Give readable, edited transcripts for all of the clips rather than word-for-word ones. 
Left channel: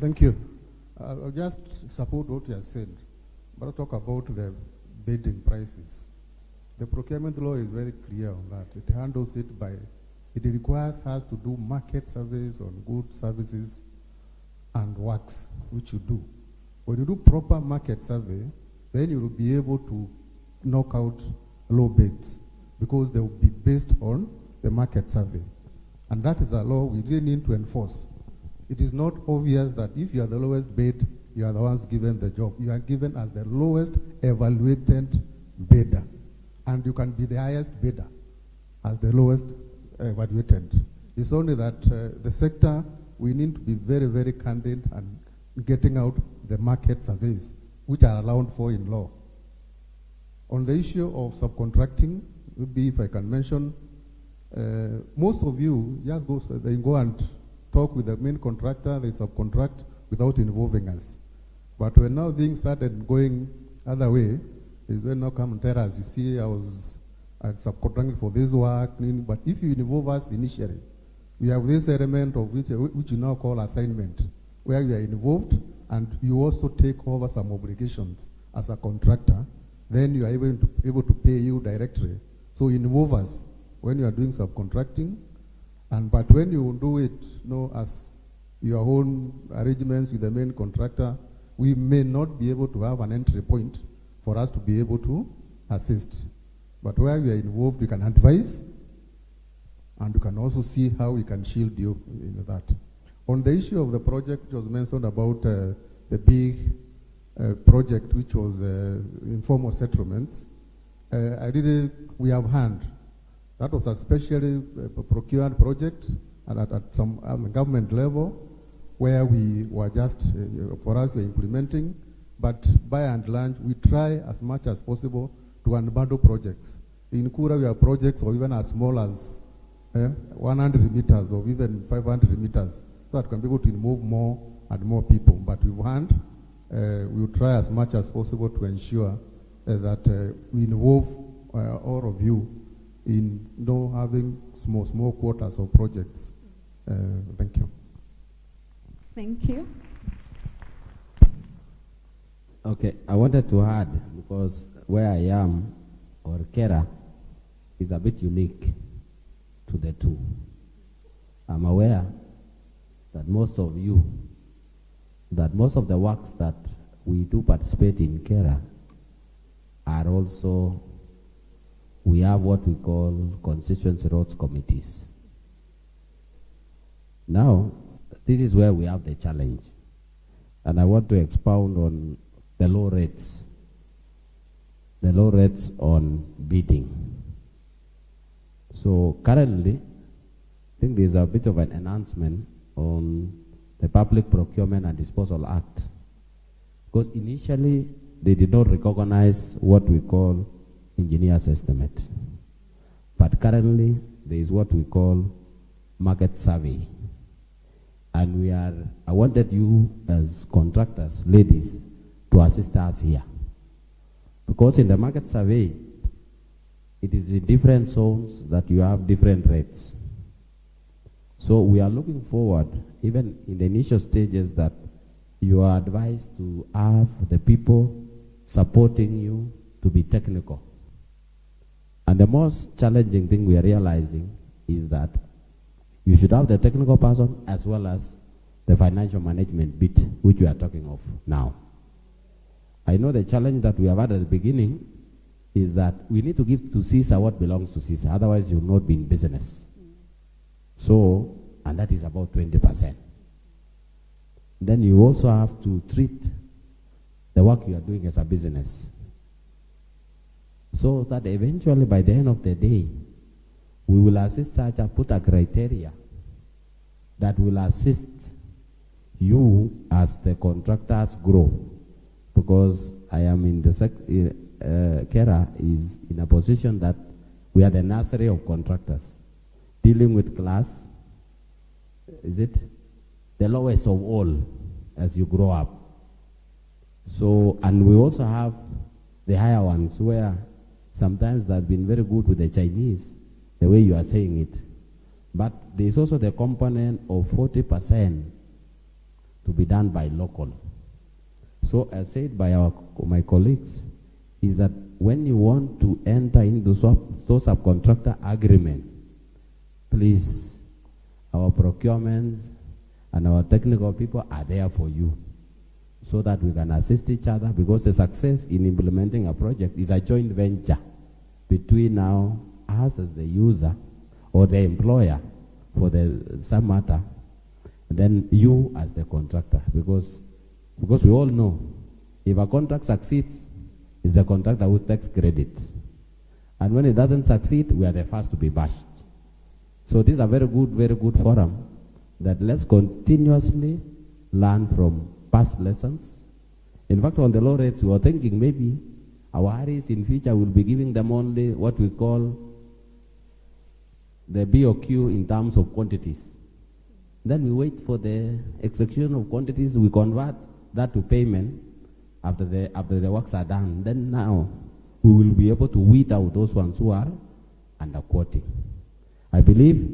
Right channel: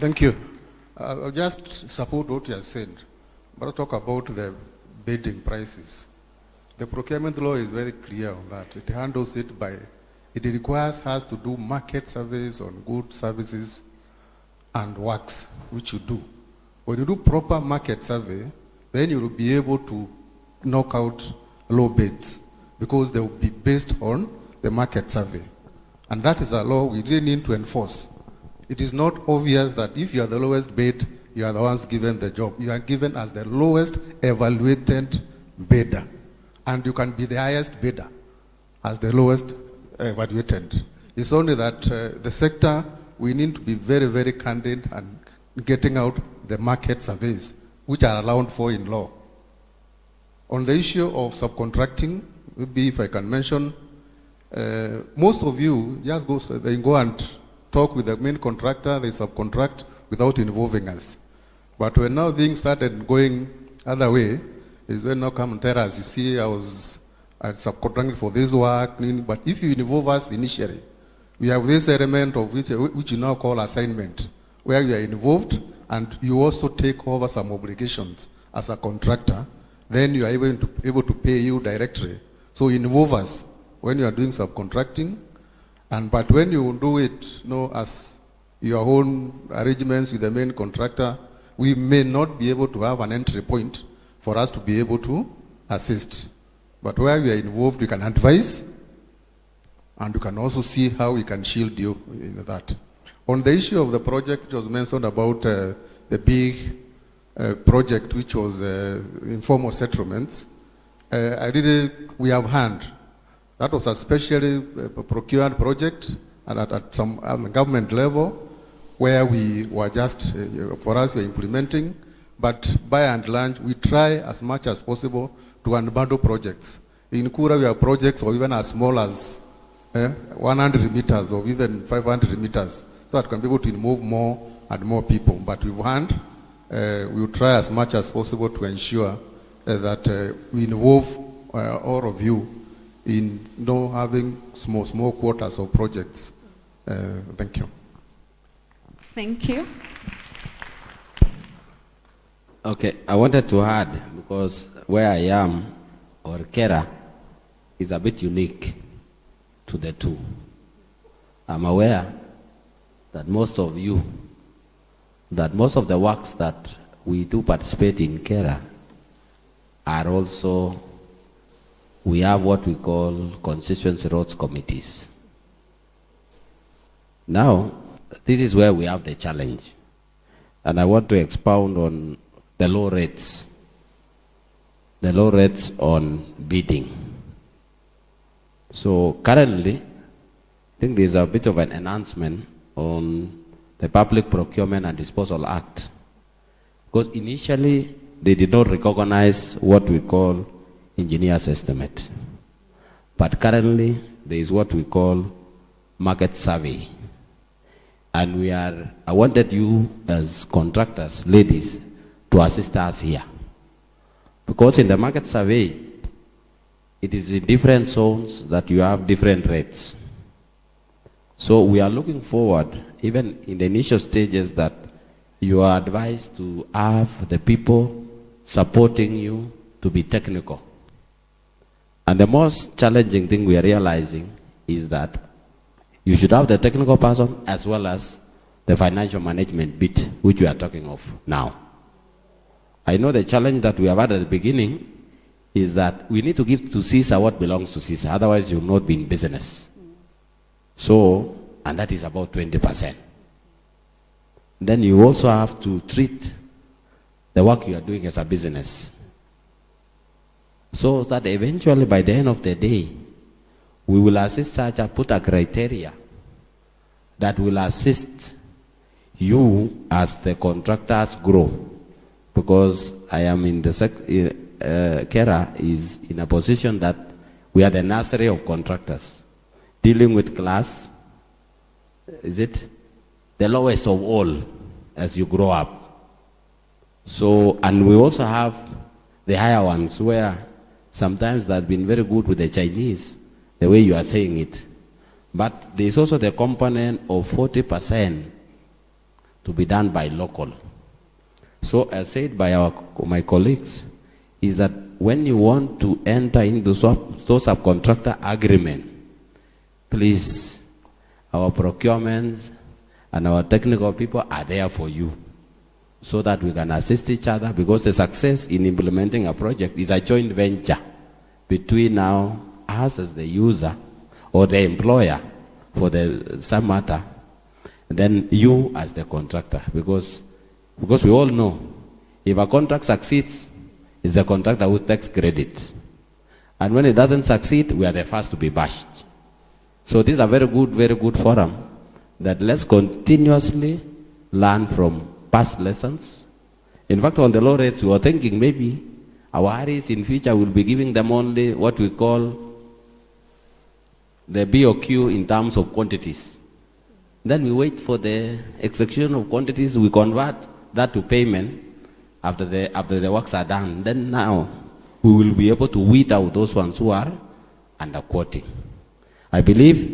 Thank you. I'll just support what you have said, but I'll talk about the bidding prices. The procurement law is very clear on that. It handles it by, it requires us to do market surveys on goods, services, and works, which you do. When you do proper market survey, then you will be able to knock out low bids, because they will be based on the market survey. And that is a law we really need to enforce. It is not obvious that if you are the lowest bid, you are the ones given the job. You are given as the lowest evaluated bidder. And you can be the highest bidder as the lowest evaluated. It's only that the sector, we need to be very, very candid and getting out the market surveys, which are allowed for in law. On the issue of subcontracting, maybe if I can mention, most of you just go and talk with the main contractor, they subcontract without involving us. But when now things started going other way, is when now come and tell us, you see, I was subcontracting for this work, but if you involve us initially, we have this element of which you now call assignment, where you are involved and you also take over some obligations as a contractor, then you are able to pay you directly. So involve us when you are doing subcontracting, but when you do it, as your own arrangements with the main contractor, we may not be able to have an entry point for us to be able to assist. But where we are involved, we can advise, and you can also see how we can shield you in that. On the issue of the project, it was mentioned about the big project, which was informal settlements. We have hand. That was a specially procured project at some government level, where we were just, for us, we are implementing. But by and large, we try as much as possible to unbundle projects. In Kura, we have projects or even as small as 100 meters or even 500 meters, so that can be able to involve more and more people. But with hand, we will try as much as possible to ensure that we involve all of you in having small quotas of projects. Thank you. Thank you. Okay, I wanted to add, because where I am, or Kera, is a bit unique to the two. I'm aware that most of the works that we do participate in Kera are also, we have what we call constituency roads committees. Now, this is where we have the challenge. And I want to expound on the low rates on bidding. So currently, I think there's a bit of an enhancement on the Public Procurement and Disposal Act. Because initially, they did not recognize what we call engineer's estimate. But currently, there is what we call market survey. And I wanted you as contractors, ladies, to assist us here. Because in the market survey, it is in different zones that you have different rates. So we are looking forward, even in the initial stages, that you are advised to have the people supporting you to be technical. And the most challenging thing we are realizing is that you should have the technical person as well as the financial management bit, which we are talking of now. I know the challenge that we have had at the beginning is that we need to give to CISA what belongs to CISA, otherwise you will not be in business. So, and that is about 20%. Then you also have to treat the work you are doing as a business. So that eventually by the end of the day, we will assist such a put a criteria that will assist you as the contractors grow. Because I am in the Kera is in a position that we are the nursery of contractors, dealing with class, is it the lowest of all as you grow up. So, and we also have the higher ones where sometimes they've been very good with the Chinese, the way you are saying it. But there's also the component of 40% to be done by local. So as said by my colleagues, is that when you want to enter into subcontractor agreement, please, our procurement and our technical people are there for you so that we can assist each other, because the success in implementing a project is a joint venture between now us as the user or the employer for some matter, and then you as the contractor, because we all know if a contract succeeds, it's the contractor who takes credit. And when it doesn't succeed, we are the first to be bashed. So this is a very good forum that let's continuously learn from past lessons. In fact, on the low rates, we were thinking maybe our REs in future will be giving them only what we call the BOQ in terms of quantities. Then we wait for the execution of quantities, we convert that to payment after the works are done. Then now we will be able to weed out those ones who are underquoting. I believe,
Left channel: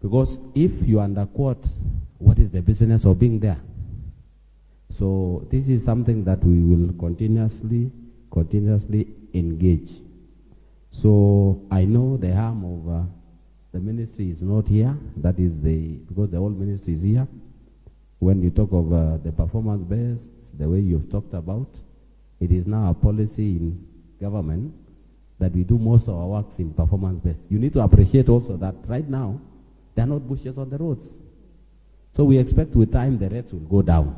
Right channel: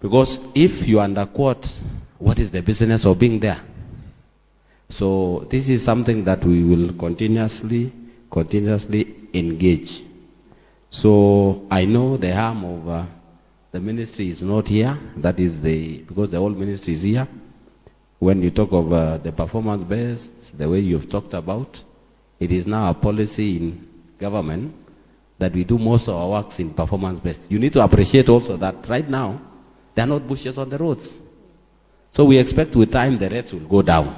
because if you underquote, what is the business of being there? So this is something that we will continuously engage. So I know the harm of the ministry is not here. That is because the whole ministry is here. When you talk of the performance-based, the way you've talked about, it is now a policy in government that we do most of our works in performance-based. You need to appreciate also that right now, there are not bushes on the roads. So we expect with time the rates will go down.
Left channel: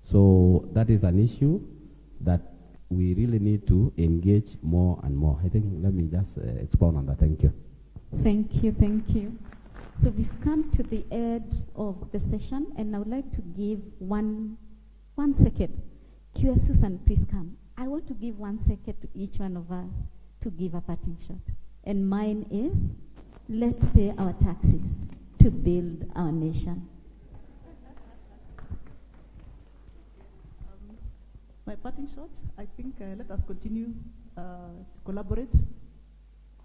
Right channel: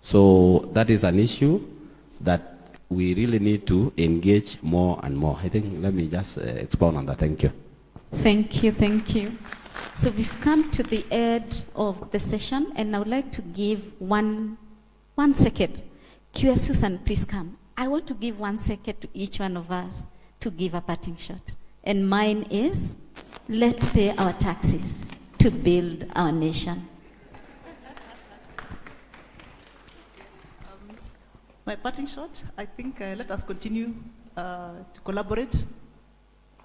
So that is an issue that we really need to engage more and more. I think, let me just expound on that. Thank you. Thank you, thank you. So we've come to the end of the session, and I would like to give one second. QS Susan, please come. I want to give 1 second to each one of us to give a parting shot. And mine is, let's pay our taxes to build our nation. My parting shot, I think let us continue to collaborate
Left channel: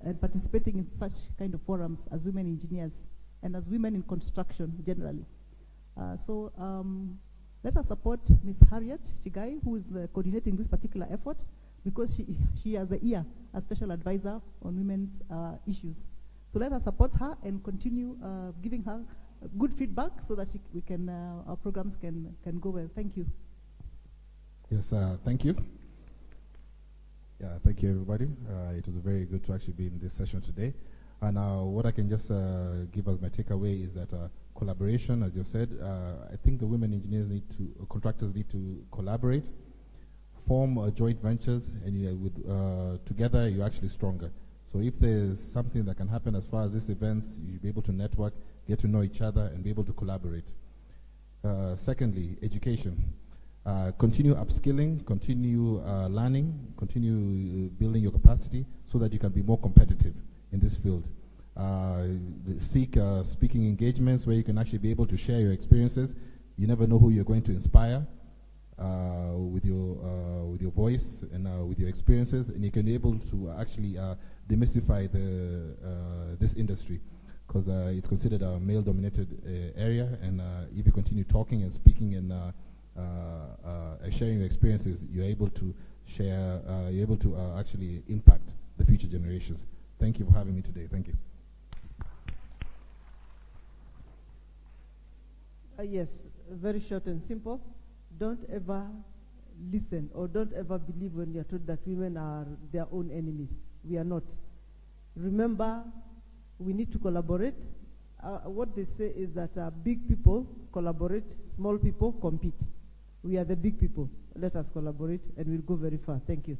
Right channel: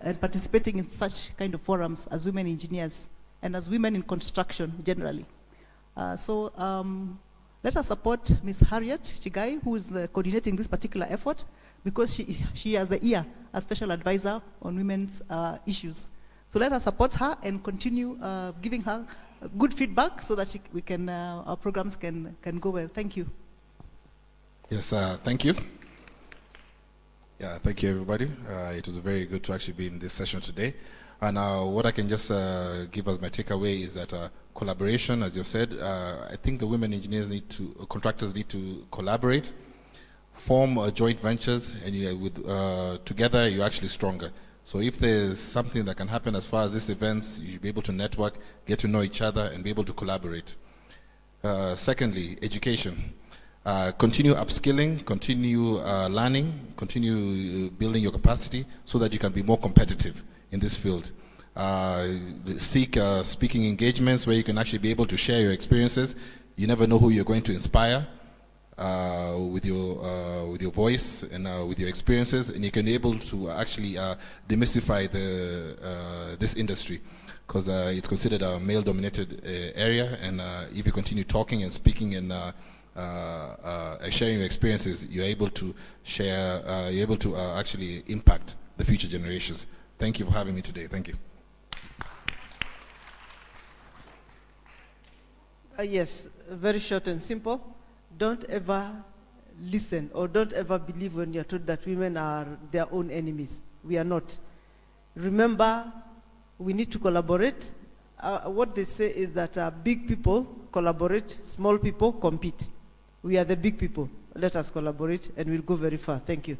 and participating in such kind of forums as women engineers and as women in construction generally. Let us support Ms. Harriet Chigai, who is coordinating this particular effort, because she has the ear as special advisor on women's issues. So let us support her and continue giving her good feedback so that our programs can go well. Thank you. Yes, thank you. Yeah, thank you, everybody. It was very good to actually be in this session today. And what I can just give as my takeaway is that collaboration, as you said, I think the women engineers contractors need to collaborate, form joint ventures, and together you're actually stronger. So if there's something that can happen as far as these events, you'll be able to network, get to know each other, and be able to collaborate. Secondly, education. Continue upskilling, continue learning, continue building your capacity so that you can be more competitive in this field. Seek speaking engagements where you can actually be able to share your experiences. You never know who you're going to inspire with your voice and with your experiences, and you can be able to actually demystify this industry, because it's considered a male-dominated area, and if you continue talking and speaking and sharing your experiences, you're able to share, you're able to actually impact the future generations. Thank you for having me today. Thank you. Yes, very short and simple. Don't ever listen or don't ever believe when you're told that women are their own enemies. We are not. Remember, we need to collaborate. What they say is that big people collaborate, small people compete. We are the big people. Let us collaborate and we'll go very far. Thank you.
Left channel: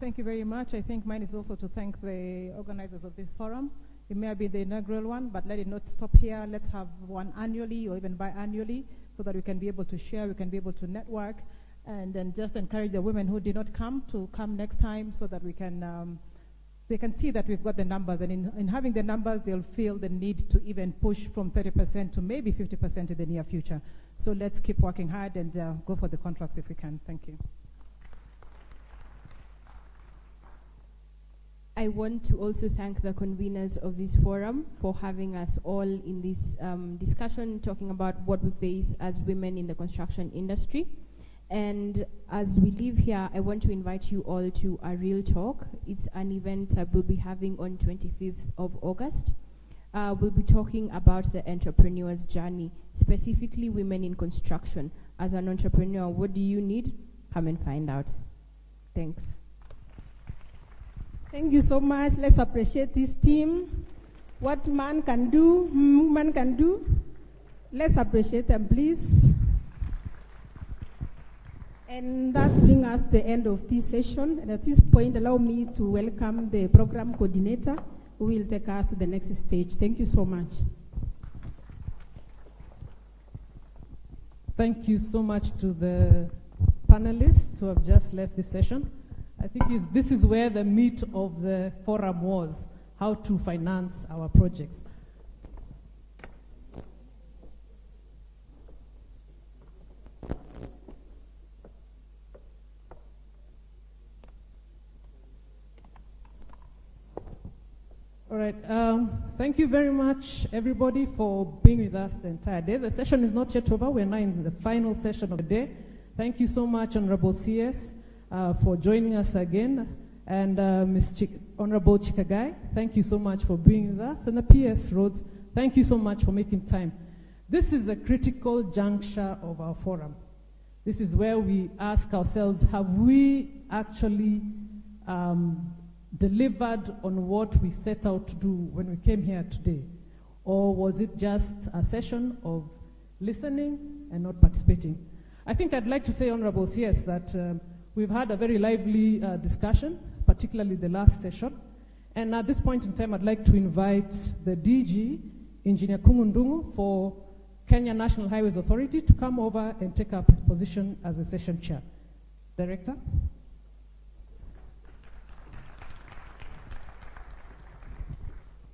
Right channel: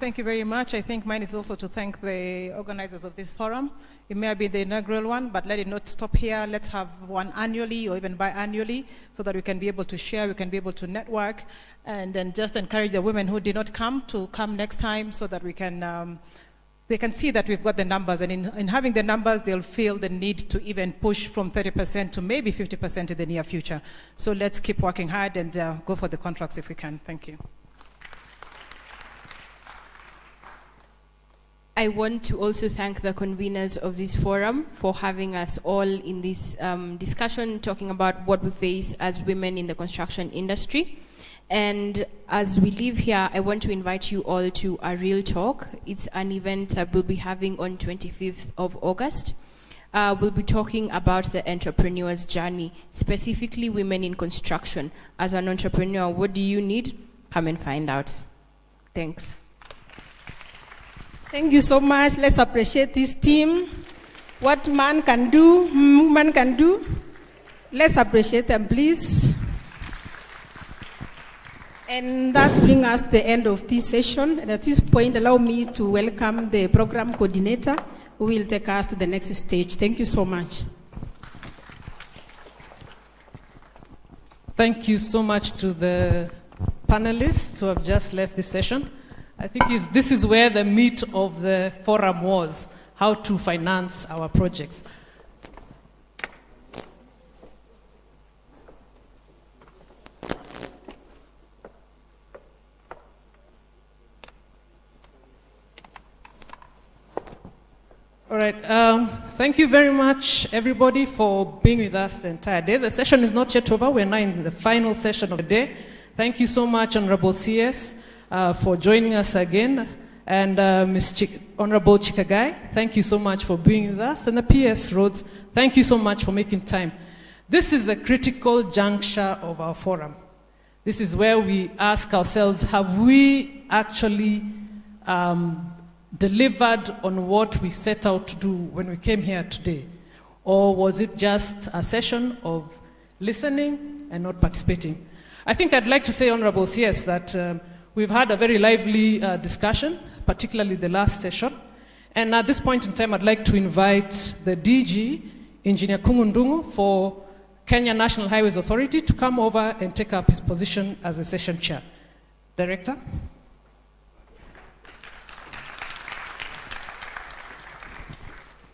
Thank you very much. I think mine is also to thank the organizers of this forum. It may be the inaugural one, but let it not stop here. Let's have one annually or even biannually so that we can be able to share, we can be able to network, and then just encourage the women who did not come to come next time so that we can, they can see that we've got the numbers, and in having the numbers, they'll feel the need to even push from 30% to maybe 50% in the near future. So let's keep working hard and go for the contracts if we can. Thank you. I want to also thank the conveners of this forum for having us all in this discussion, talking about what we face as women in the construction industry. And as we leave here, I want to invite you all to a real talk. It's an event that we'll be having on 25th of August. We'll be talking about the entrepreneur's journey, specifically women in construction. As an entrepreneur, what do you need? Come and find out. Thanks. Thank you so much. Let's appreciate this team. What man can do, woman can do. Let's appreciate them, please. And that brings us to the end of this session. And at this point, allow me to welcome the program coordinator who will take us to the next stage. Thank you so much. Thank you so much to the panelists who have just left this session. I think this is where the meat of the forum was, how to finance our projects. All right, thank you very much, everybody, for being with us the entire day. The session is not yet over. We're now in the final session of the day. Thank you so much, Honorable CS, for joining us again. And Honorable Chikagai, thank you so much for being with us. And the PS Roads, thank you so much for making time. This is a critical juncture of our forum. This is where we ask ourselves, have we actually delivered on what we set out to do when we came here today? Or was it just a session of listening and not participating? I think I'd like to say, Honorable CS, that we've had a very lively discussion, particularly the last session. And at this point in time, I'd like to invite the DG, Engineer Kungundungu, for Kenya National Highways Authority to come over and take up his position as a session chair. Director?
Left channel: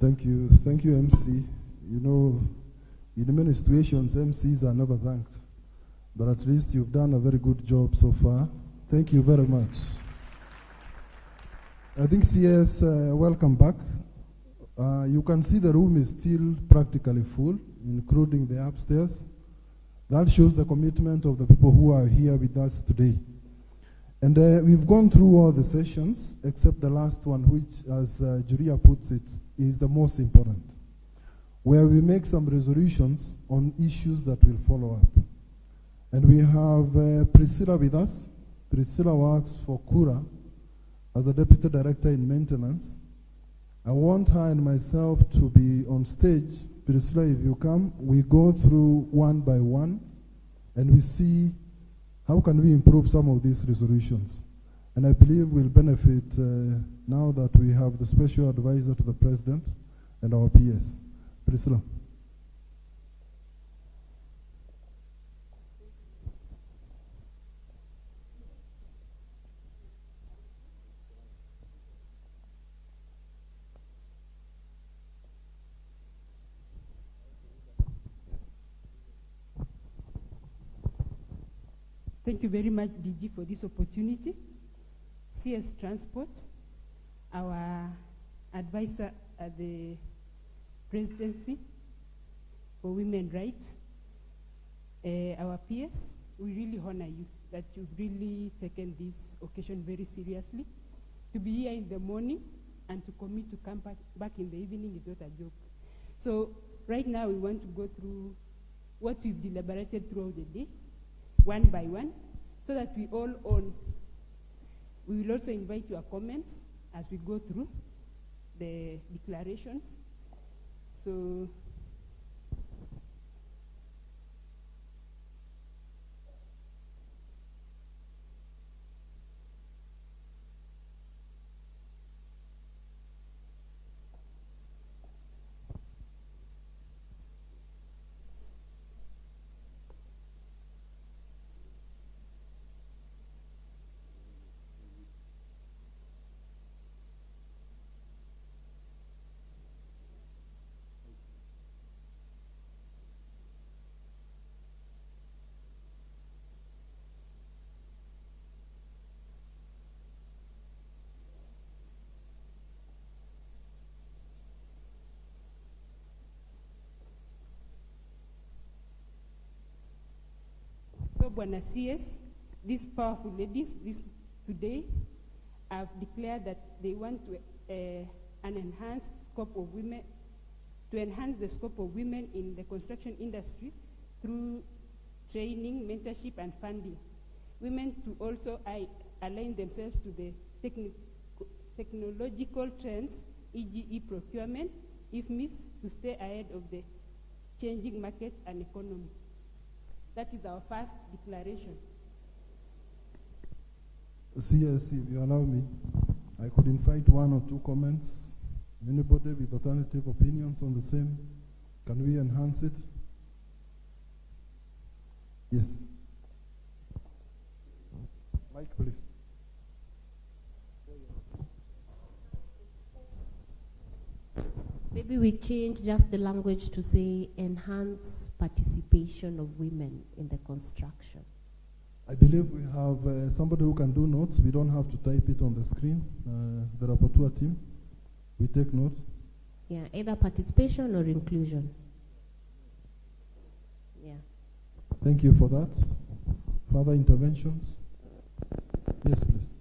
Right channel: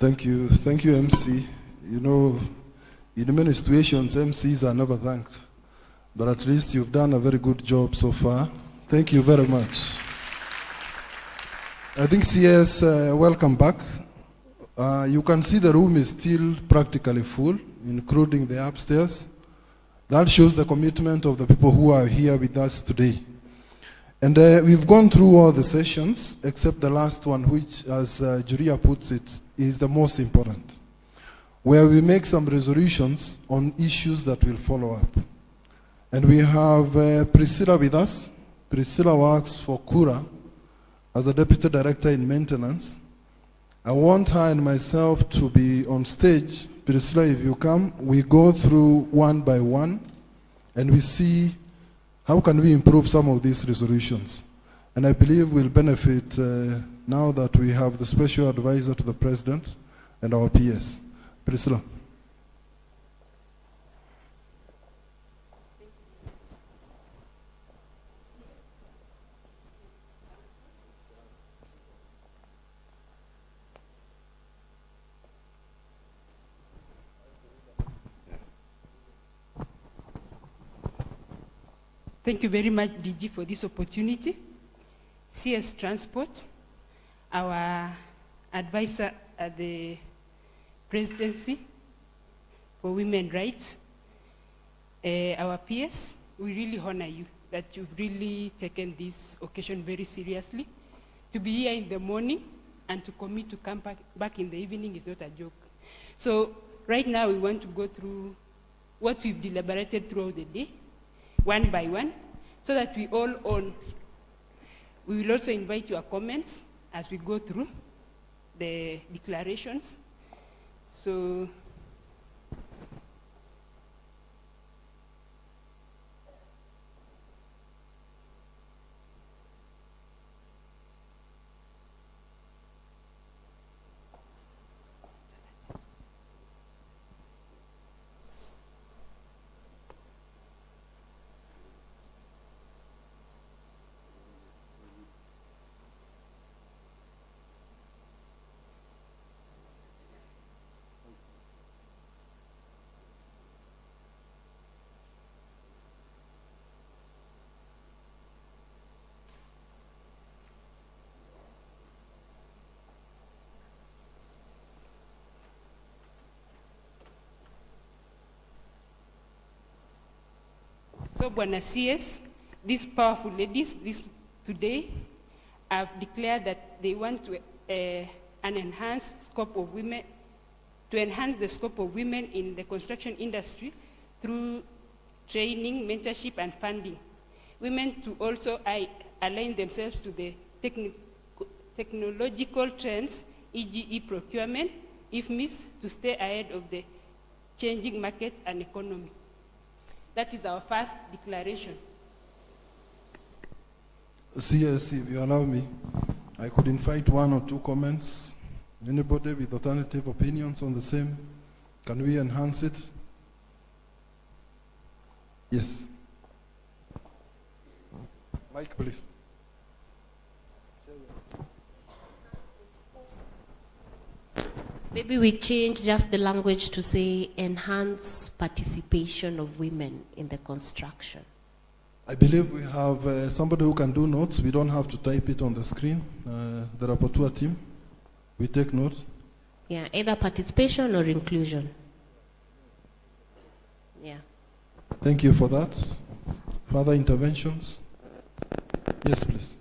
Thank you, MC. You know, in many situations, MCs are never thanked. But at least you've done a very good job so far. Thank you very much. I think CS, welcome back. You can see the room is still practically full, including the upstairs. That shows the commitment of the people who are here with us today. And we've gone through all the sessions, except the last one, which, as Julia puts it, is the most important, where we make some resolutions on issues that will follow up. And we have Priscilla with us. Priscilla works for Kura as a Deputy Director in Maintenance. I want her and myself to be on stage. Priscilla, if you come, we go through one by one, and we see how can we improve some of these resolutions. And I believe we'll benefit now that we have the Special Advisor to the President and our PS. Priscilla. Thank you very much, DG, for this opportunity. CS Transport, our advisor at the Presidency for Women Rights, our PS, we really honor you that you've really taken this occasion very seriously. To be here in the morning and to commit to come back in the evening is not a joke. So right now we want to go through what we've deliberated throughout the day, one by one, so that we all own. We will also invite your comments as we go through the declarations. So Bwana CS, these powerful ladies today have declared that they want to an enhanced scope of women, to enhance the scope of women in the construction industry through training, mentorship, and funding. Women to also align themselves to the technological trends, e.g. e-procurement, if missed, to stay ahead of the changing market and economy. That is our first declaration. CS, if you allow me, I could invite 1 or 2 comments. Anybody with alternative opinions on the same? Can we enhance it? Yes. Mike, please. Maybe we change just the language to say enhance participation of women in the construction. I believe we have somebody who can do notes. We don't have to type it on the screen. The rapporteur team, we take notes. Yeah, either participation or inclusion. Yeah. Thank you for that. Further interventions? Yes, please.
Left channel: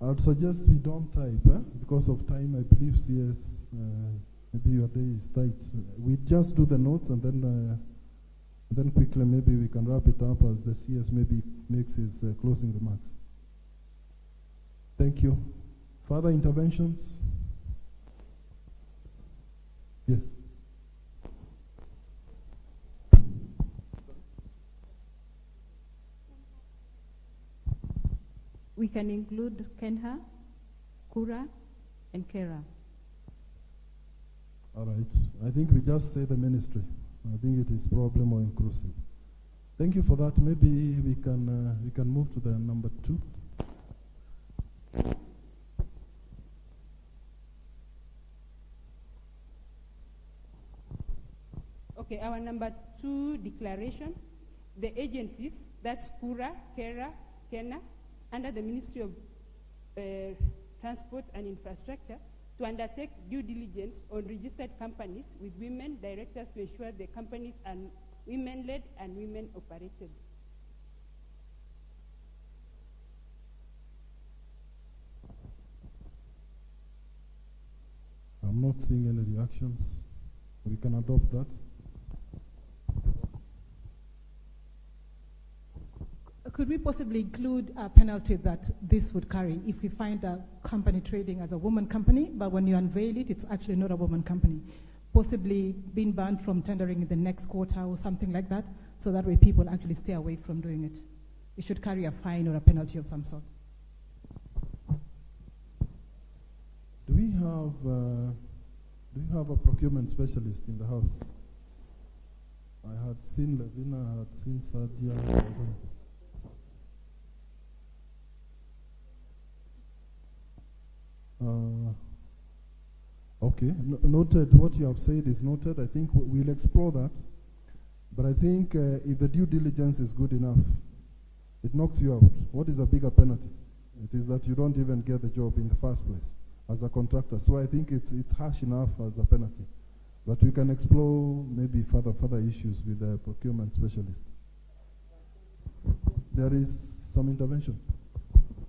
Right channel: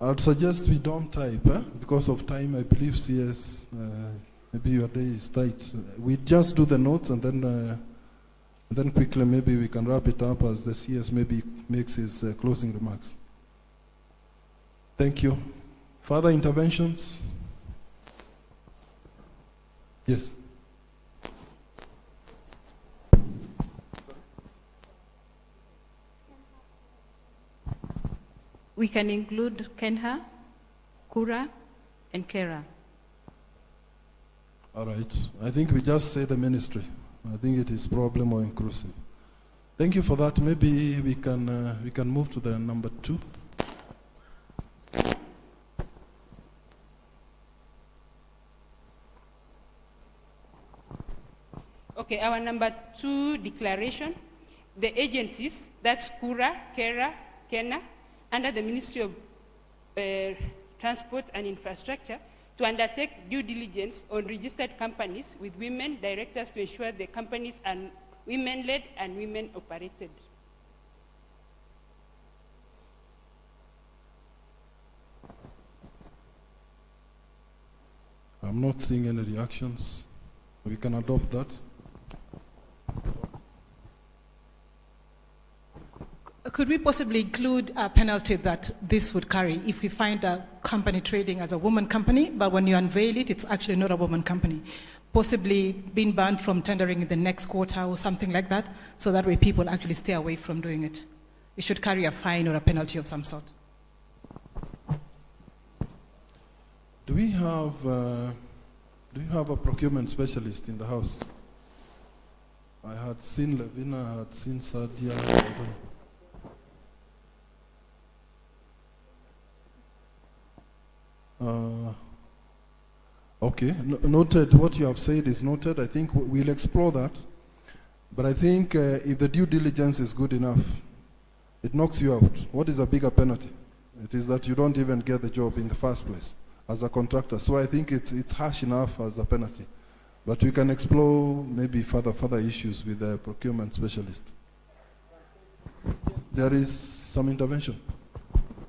I'd suggest we don't type, because of time. I believe CS, maybe your day is tight. We just do the notes and then quickly maybe we can wrap it up as the CS maybe makes his closing remarks. Thank you. Further interventions? Yes. We can include Kenha, Kura, and Kera. All right. I think we just say the ministry. I think it is probably more inclusive. Thank you for that. Maybe we can move to the number 2. Okay, our number 2 declaration, the agencies, that's Kura, Kera, Kena, under the Ministry of Transport and Infrastructure, to undertake due diligence on registered companies with women directors to ensure the companies are women-led and women-operated. I'm not seeing any reactions. We can adopt that. Could we possibly include a penalty that this would carry if we find a company trading as a woman company, but when you unveil it, it's actually not a woman company? Possibly being banned from tendering in the next quarter or something like that, so that way people actually stay away from doing it. It should carry a fine or a penalty of some sort. Do we have a procurement specialist in the house? I had seen Levina, I had seen Sadia. Okay, noted. What you have said is noted. I think we'll explore that. But I think if the due diligence is good enough, it knocks you out. What is a bigger penalty? It is that you don't even get the job in the first place as a contractor. So I think it's harsh enough as a penalty. But we can explore maybe further issues with the procurement specialist. There is some intervention.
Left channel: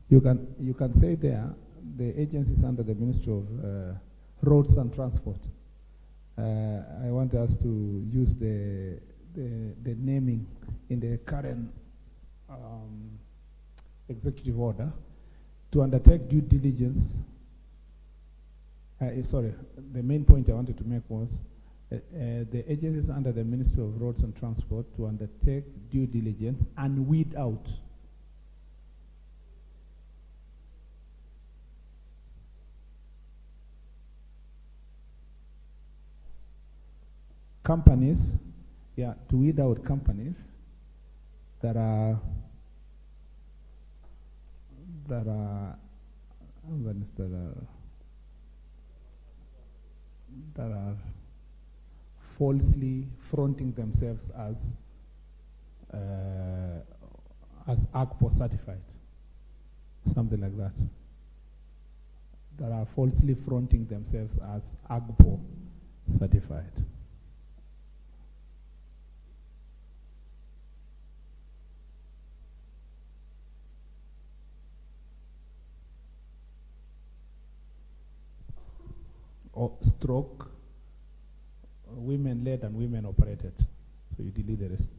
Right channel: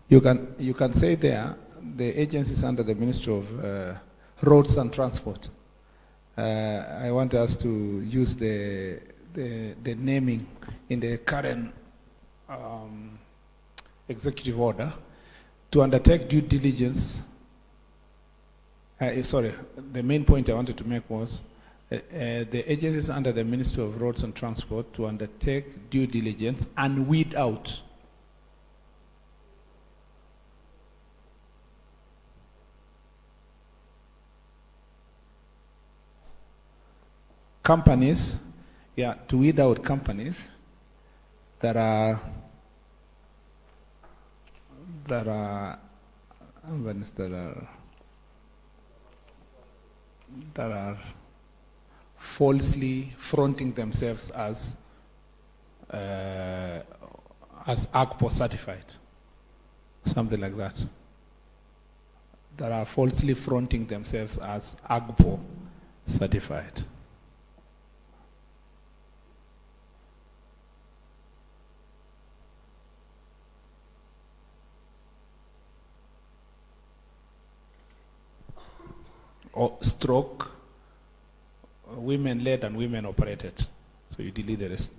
You can say there the agencies under the Ministry of Roads and Transport. I want us to use the naming in the current executive order to undertake due diligence. Sorry, the main point I wanted to make was the agencies under the Ministry of Roads and Transport to undertake due diligence and weed out companies, to weed out companies that are falsely fronting themselves as AGPO certified. something like that, that are falsely fronting themselves as AGPO certified. Or stroke, women led and women operated. So you delete the rest.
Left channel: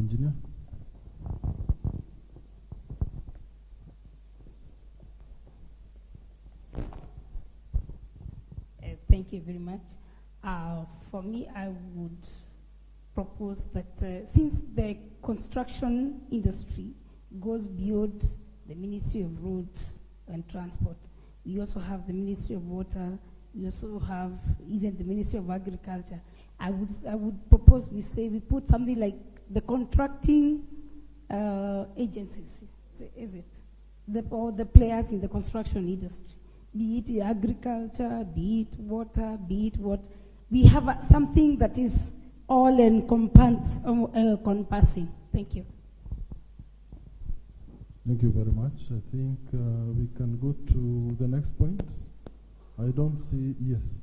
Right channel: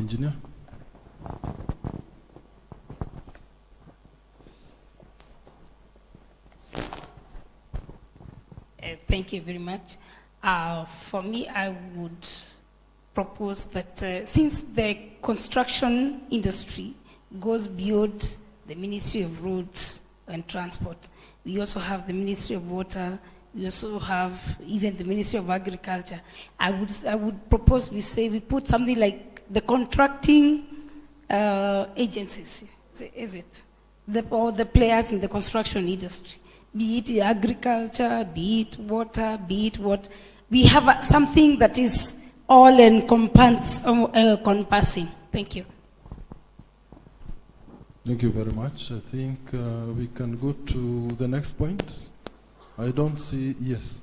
Engineer? Thank you very much. For me, I would propose that since the construction industry goes beyond the Ministry of Roads and Transport, we also have the Ministry of Water, we also have even the Ministry of Agriculture. I would propose we put something like the contracting agencies, is it? Or the players in the construction industry, be it agriculture, be it water, be it what. We have something that is all encompassing. Thank you. Thank you very much. I think we can go to the next point. I don't see, yes.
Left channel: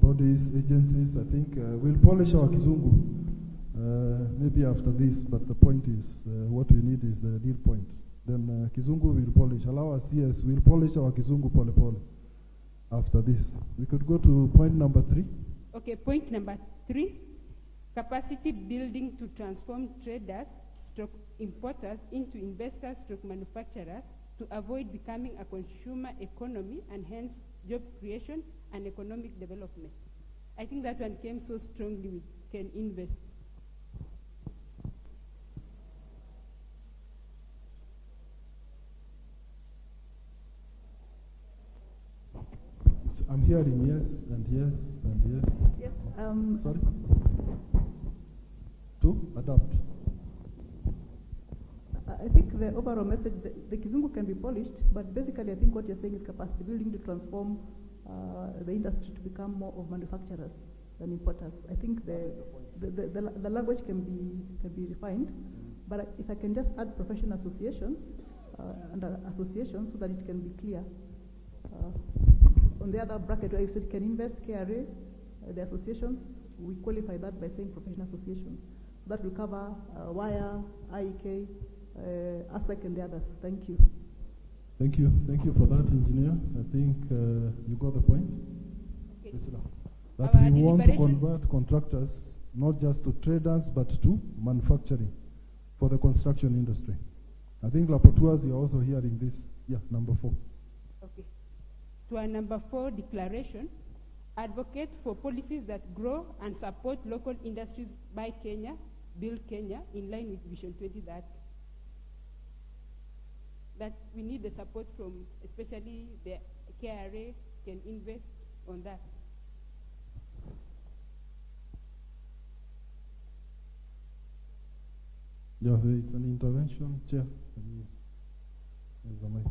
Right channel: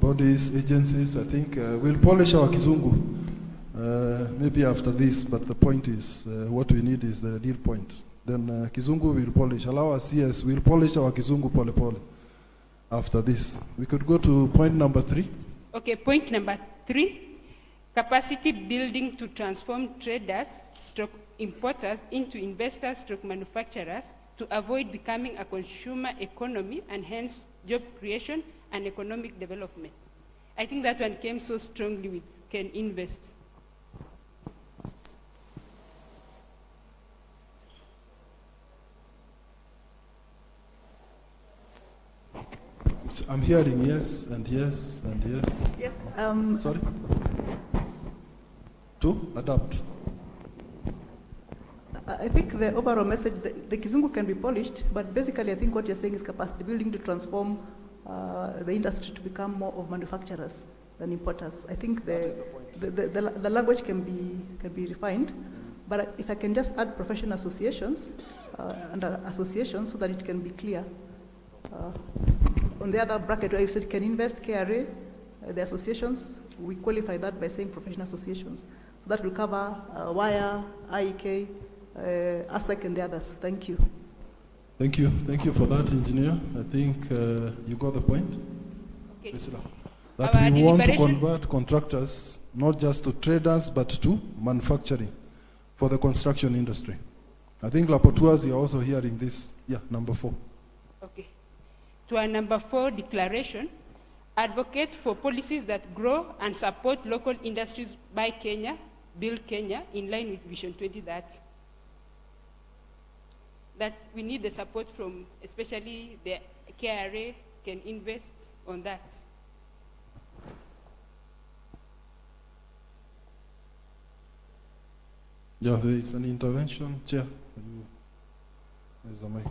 Bodies, agencies, I think we'll polish our Kizungu maybe after this, but the point is what we need is the real point. Then Kizungu will polish. Allow us, yes, we'll polish our Kizungu pole pole after this. We could go to point number 3. Okay, point number 3, capacity building to transform traders, stroke importers into investors, stroke manufacturers to avoid becoming a consumer economy and hence job creation and economic development. I think that one came so strongly with can invest. So I'm hearing yes and yes and yes. Yes. Sorry? To adopt. I think the overall message, the Kizungu can be polished, but basically I think what you're saying is capacity building to transform the industry to become more of manufacturers than importers. I think the language can be refined, but if I can just add professional associations and associations so that it can be clear. On the other bracket where you said can invest, KRA, the associations, we qualify that by saying professional associations. So that will cover WIRE, IEK, ASEC and the others. Thank you. Thank you. Thank you for that, engineer. I think you got the point. Okay. That Our we want to convert contractors not just to traders but to manufacturing for the construction industry. I think Lapotuas, you're also hearing this. Yeah, number 4. Okay. To our number 4 declaration, advocate for policies that grow and support local industries by Kenya, build Kenya in line with Vision 2030. That we need the support from especially the KRA can invest on that. Yeah, there is an intervention. Chair, there's a mic.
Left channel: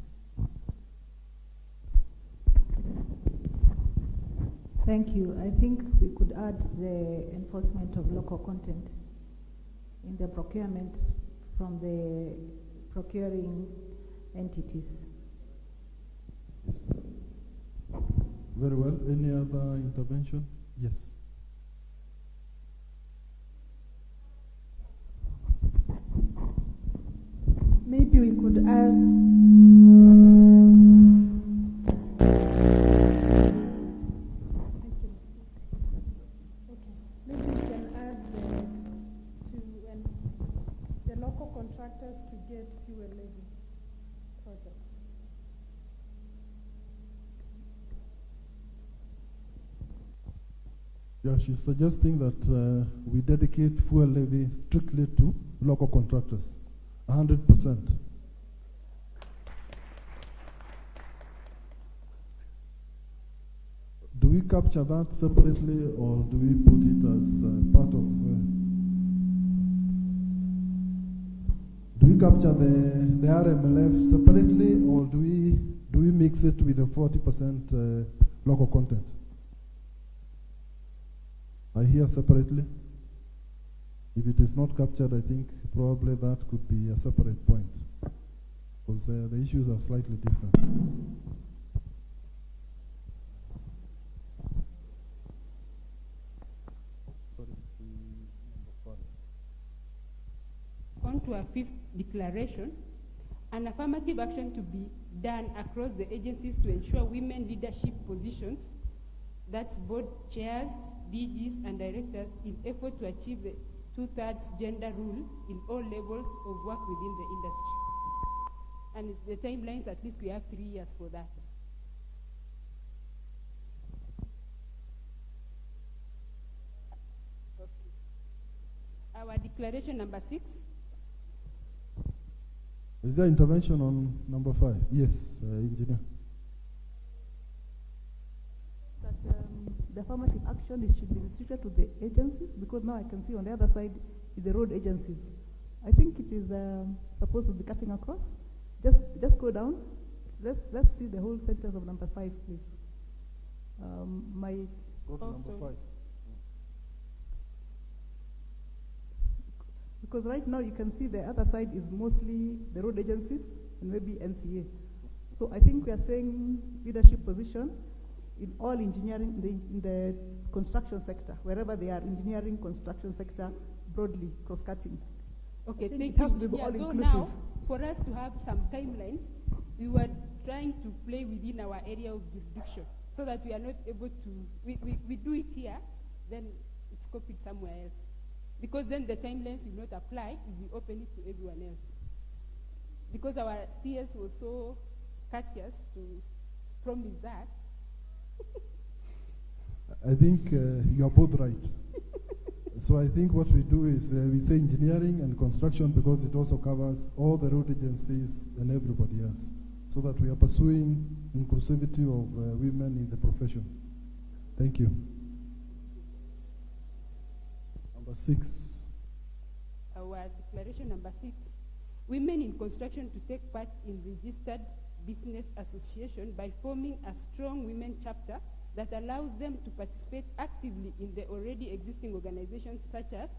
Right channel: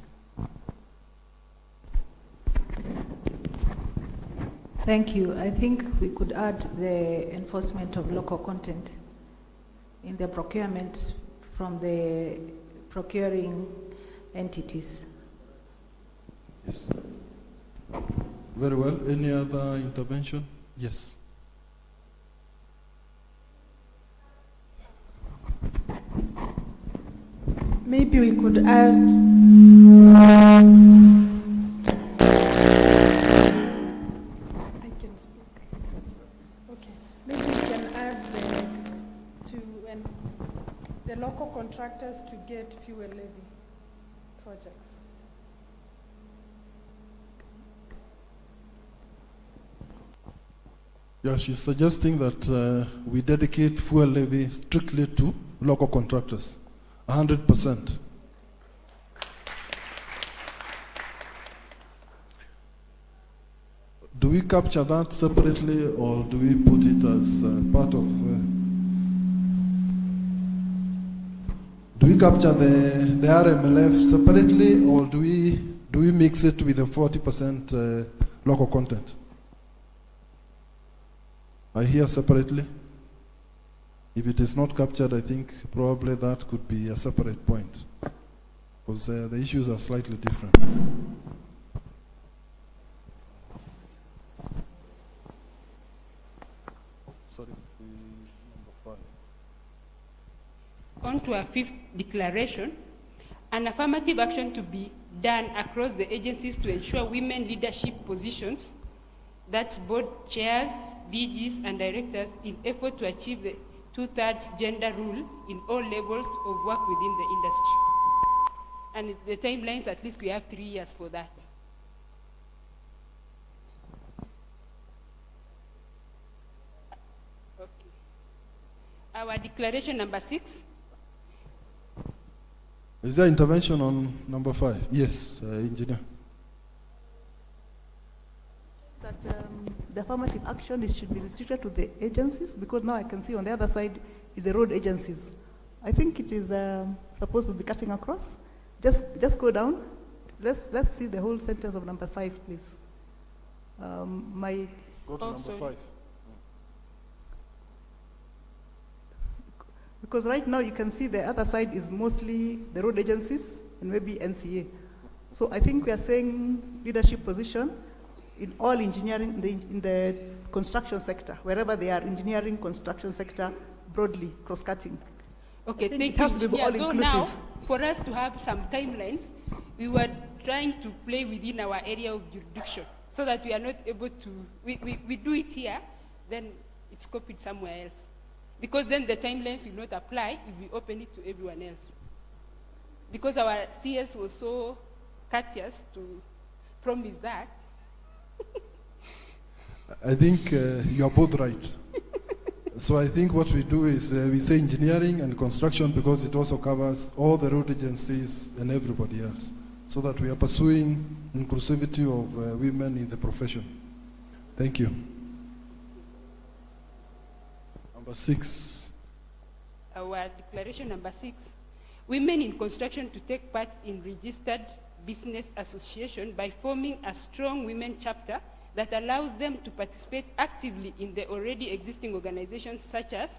Thank you. I think we could add the enforcement of local content in the procurement from the procuring entities. Yes. Very well. Any other intervention? Yes. Maybe we could add the local contractors to get fuel levy projects. Yeah, she's suggesting that we dedicate fuel levy strictly to local contractors, 100%. Do we capture that separately or do we put it as part of do we capture the RMLF separately or do we do we mix it with the 40% local content? I hear separately. If it is not captured, I think probably that could be a separate point, because the issues are slightly different. Sorry, number 5. On to our fifth declaration, an affirmative action to be done across the agencies to ensure women leadership positions, that's board chairs, DGs, and directors, in effort to achieve the 2/3 gender rule in all levels of work within the industry. And the timelines, at least we have 3 years for that. Okay. Our declaration number 6. Is there intervention on number 5? Yes, engineer. That the affirmative action should be restricted to the agencies, because now I can see on the other side is the road agencies. I think it is supposed to be cutting across. Just go down. Let's see the whole sentence of number 5, please. Go to number 5. Because right now you can see the other side is mostly the road agencies and maybe NCA. So I think we are saying leadership position in all engineering, in the construction sector, wherever they are, engineering, construction sector, broadly, cross-cutting. Okay, thank it has you. to be Yeah, all so inclusive. now, for us to have some timelines, we were trying to play within our area of jurisdiction so that we are not able to, we do it here, then it's copied somewhere else. Because then the timelines will not apply if we open it to everyone else. Because our CS was so courteous to promise that. I think you are both right. So I think what we do is we say engineering and construction, because it also covers all the road agencies and everybody else, so that we are pursuing inclusivity of women in the profession. Thank you. Number 6. Our declaration number 6. Women in construction to take part in registered business association by forming a strong women chapter that allows them to participate actively in the already existing organizations such as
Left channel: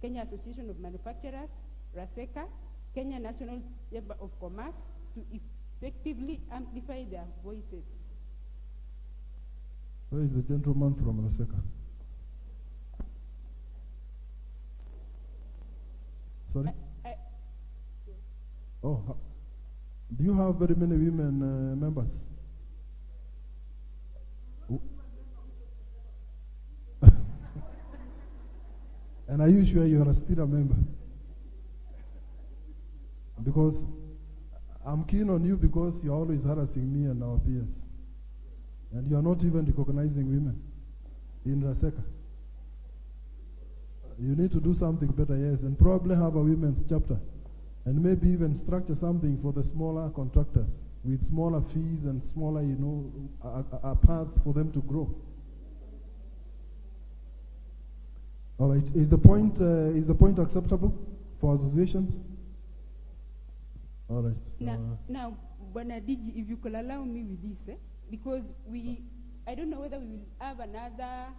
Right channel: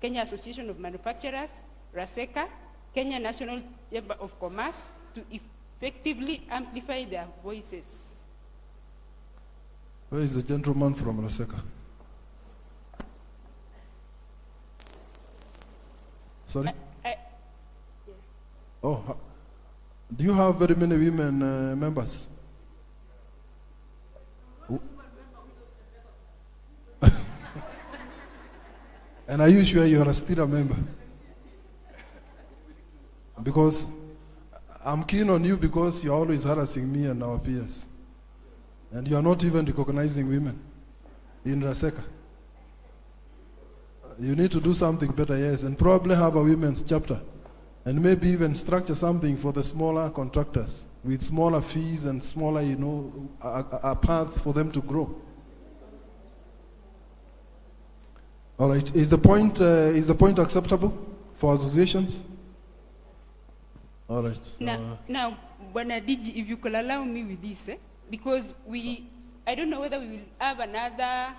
Kenya Association of Manufacturers, RASECA, Kenya National Chamber of Commerce, to effectively amplify their voices. Where is the gentleman from RASECA? Sorry? Oh, do you have very many women members? And are you sure you are still a member? Because I'm keen on you, because you're always harassing me and our peers. And you are not even recognizing women in RASECA. You need to do something better, yes, and probably have a women's chapter. And maybe even structure something for the smaller contractors with smaller fees and smaller, a path for them to grow. All right, is the point acceptable for associations? All right. Now, Bwana DG, if you could allow me with this, because I don't know whether we will have another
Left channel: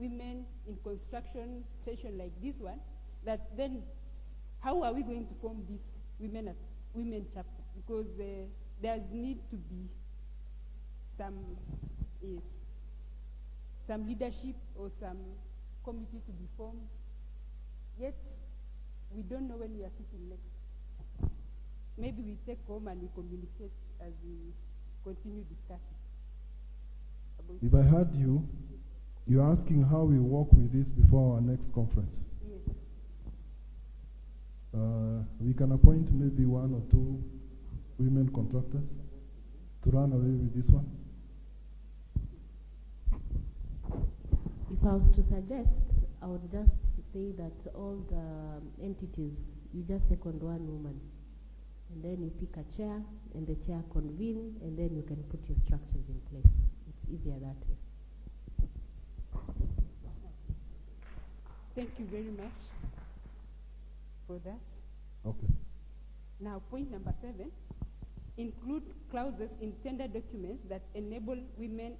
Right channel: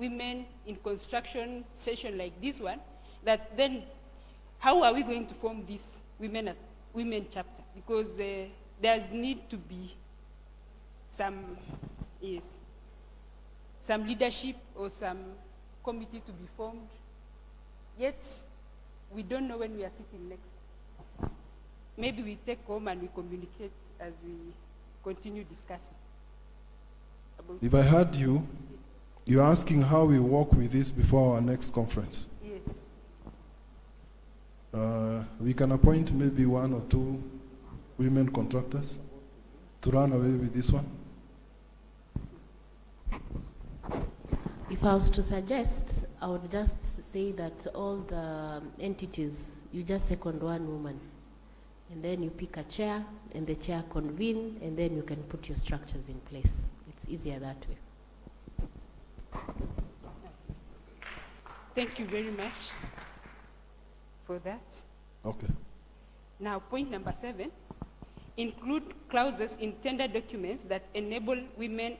women in construction session like this one, that then how are we going to form this women chapter? Because there's need to be some leadership or some committee to be formed. Yet we don't know when we are sitting next. Maybe we take home and we communicate as we continue discussing. If I heard you, you're asking how we work with this before our next conference. Yes. We can appoint maybe 1 or 2 women contractors to run away with this one. If I was to suggest, I would just say that all the entities, you just second one woman, and then you pick a chair, and the chair convene, and then you can put your structures in place. It's easier that way. Thank you very much for that. Okay. Now, point number 7. include clauses in tender documents that enable women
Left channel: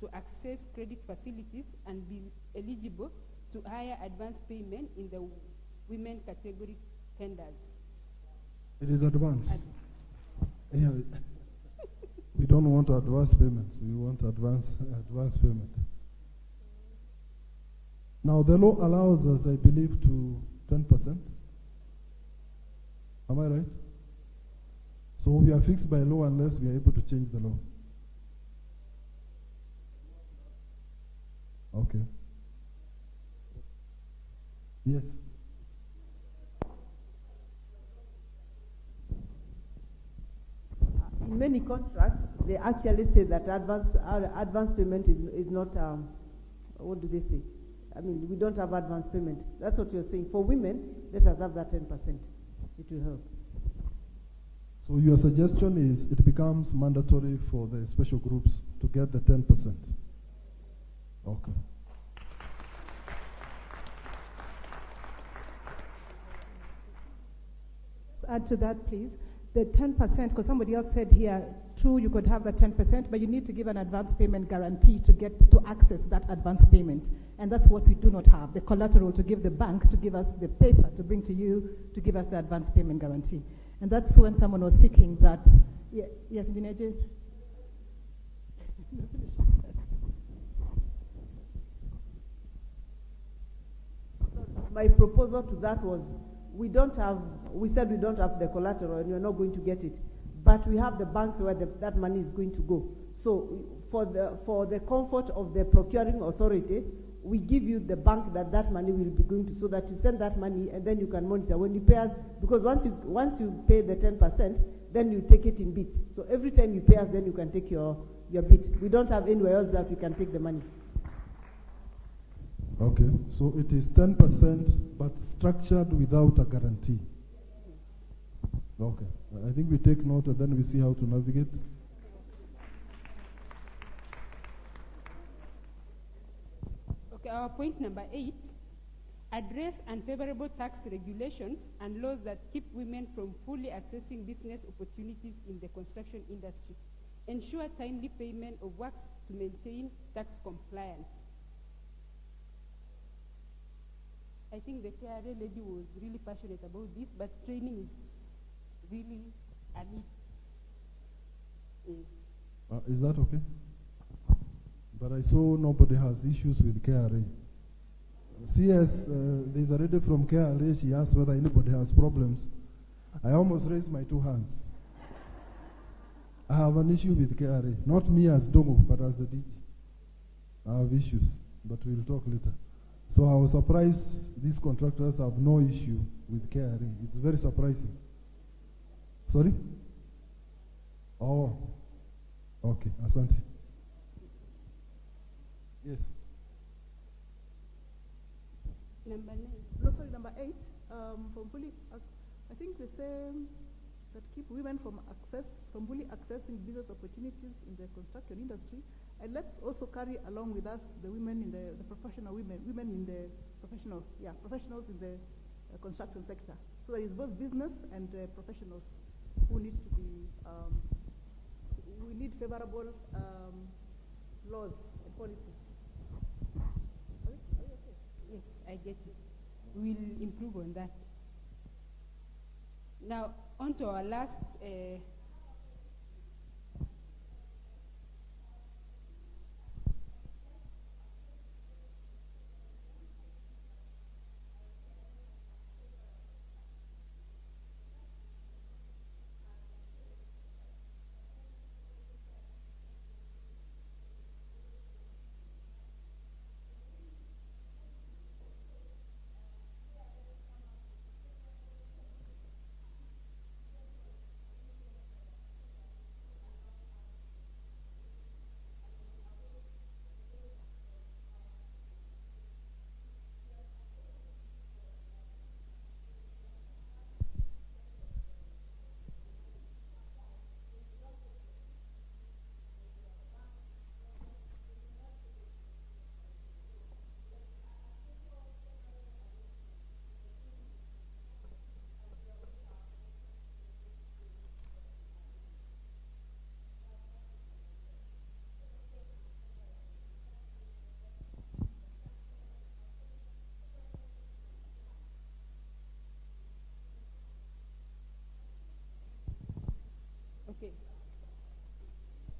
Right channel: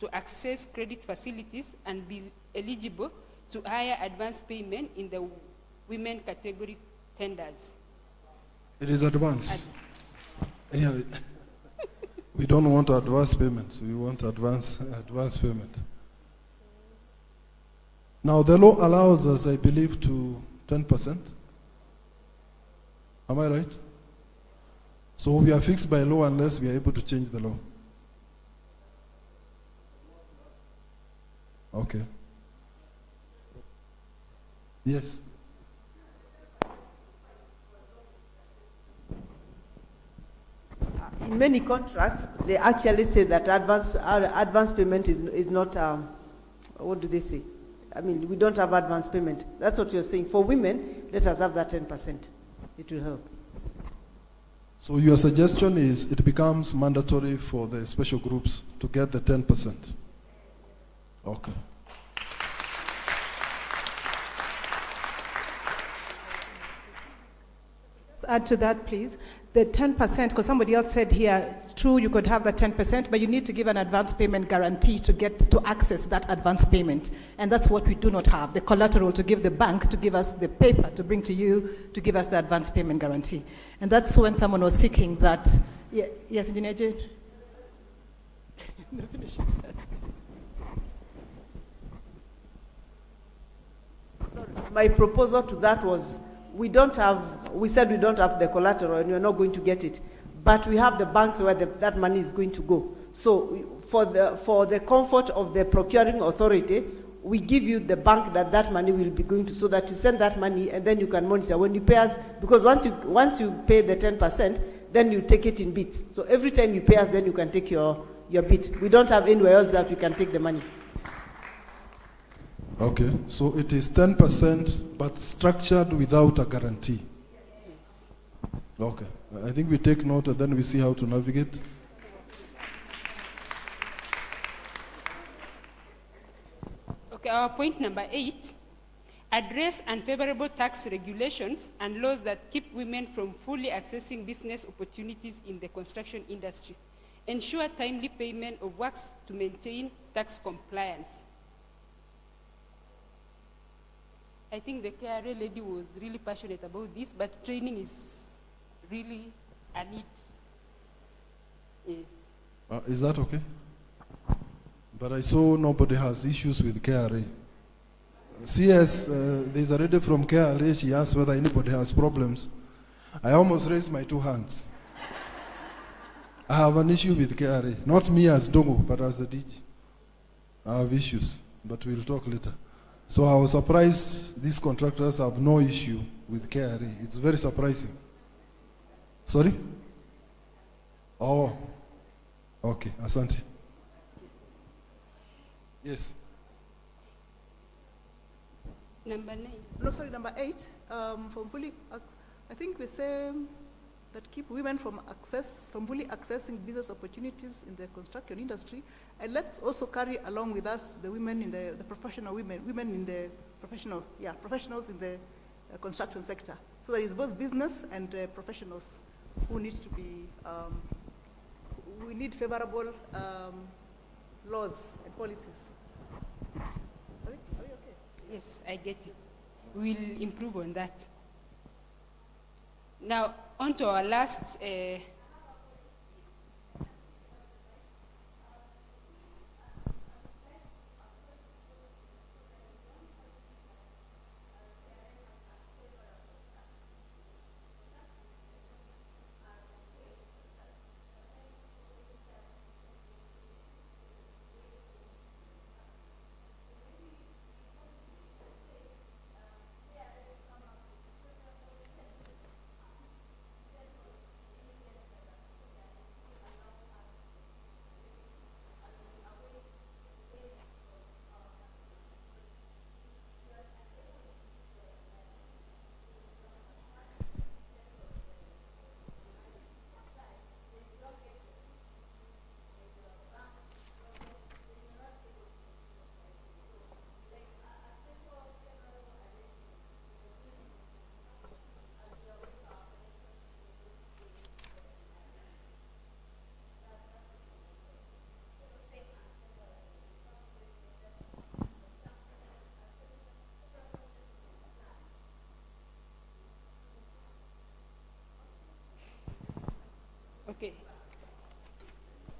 to access credit facilities and be eligible to higher advance payment in the women category tenders. It is advance. Yeah. We don't want advance payments. We want advance payment. Now the law allows us, I believe, to 10%. Am I right? So we are fixed by law unless we are able to change the law. Okay. Yes. In many contracts, they actually say that advance payment is not, what do they say? I mean, we don't have advance payment. That's what you're saying. For women, let us have that 10%. It will help. So your suggestion is it becomes mandatory for the special groups to get the 10%. Okay. Add to that, please. The 10%, because somebody else said here, true, you could have the 10%, but you need to give an advance payment guarantee to access that advance payment. And that's what we do not have, the collateral to give the bank, to give us the paper, to bring to you, to give us the advance payment guarantee. And that's when someone was seeking that. Yeah, yes, Engineer Jane? My proposal to that was, we said we don't have the collateral and you're not going to get it. But we have the banks where that money is going to go. So for the comfort of the procuring authority, we give you the bank that money will be going to, so that you send that money and then you can monitor when you pay us, because once you pay the 10%, then you take it in bits. So every time you pay us, then you can take your bit. We don't have anywhere else that we can take the money. Okay, so it is 10% but structured without a guarantee. Okay, I think we take note and then we see how to navigate. Okay, our point number 8, address unfavorable tax regulations and laws that keep women from fully accessing business opportunities in the construction industry. Ensure timely payment of works to maintain tax compliance. I think the KRA lady was really passionate about this, but training is really a need. Yes. Is that okay? But I saw nobody has issues with KRA. CS, there's a lady from KRA, she asked whether anybody has problems. I almost raised my 2 hands. I have an issue with KRA. Not me as Dongo, but as the DG. I have issues, but we'll talk later. So I was surprised these contractors have no issue with KRA. It's very surprising. Sorry? Oh, okay, asante. Yes. Number 9. No, sorry, number 8. I think we say that keep women from fully accessing business opportunities in the construction industry, and let's also carry along with us the women in the professional women in the professionals in the construction sector. So there is both business and professionals who needs to be, we need favorable laws and policies. Are we okay? Yes, I get it. We'll improve on that. Now, on to our last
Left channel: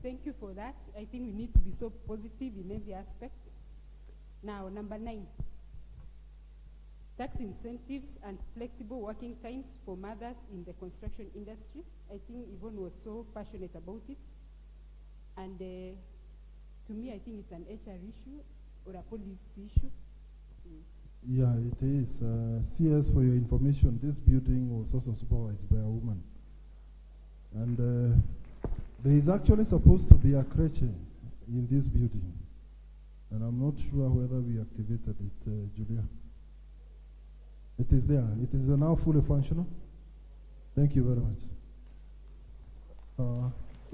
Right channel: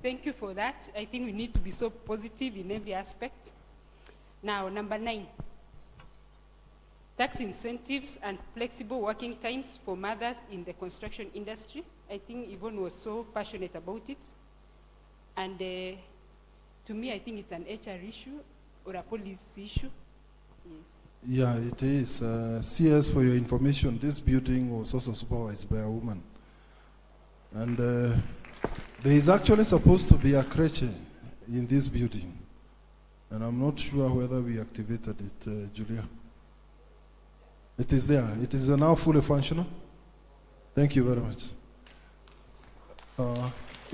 thank you for that. I think we need to be so positive in every aspect. Now, number 9, tax incentives and flexible working times for mothers in the construction industry. I think Yvonne was so passionate about it. And to me, I think it's an HR issue or a policy issue. Yes. Yeah, it is. CS, for your information, this building was also supervised by a woman. And there is actually supposed to be a creche in this building. And I'm not sure whether we activated it, Julia. It is there. It is now fully functional. Thank you very much.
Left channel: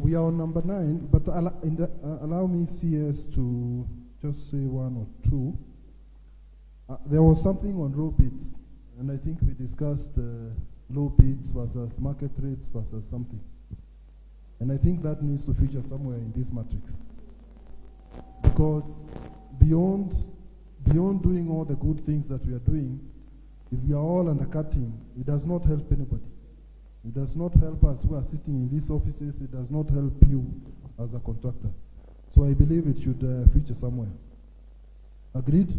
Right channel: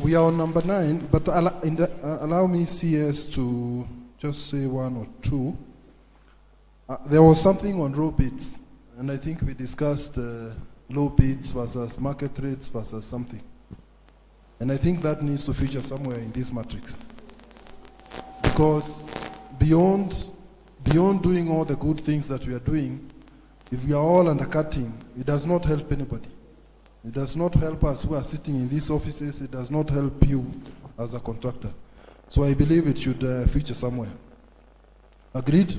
We are on number 9, but allow me, CS, to just say 1 or 2. There was something on low bids, and I think we discussed low bids versus market rates versus something. And I think that needs to feature somewhere in this matrix. Because beyond doing all the good things that we are doing, if we are all undercutting, it does not help anybody. It does not help us who are sitting in these offices. It does not help you as a contractor. So I believe it should feature somewhere. Agreed?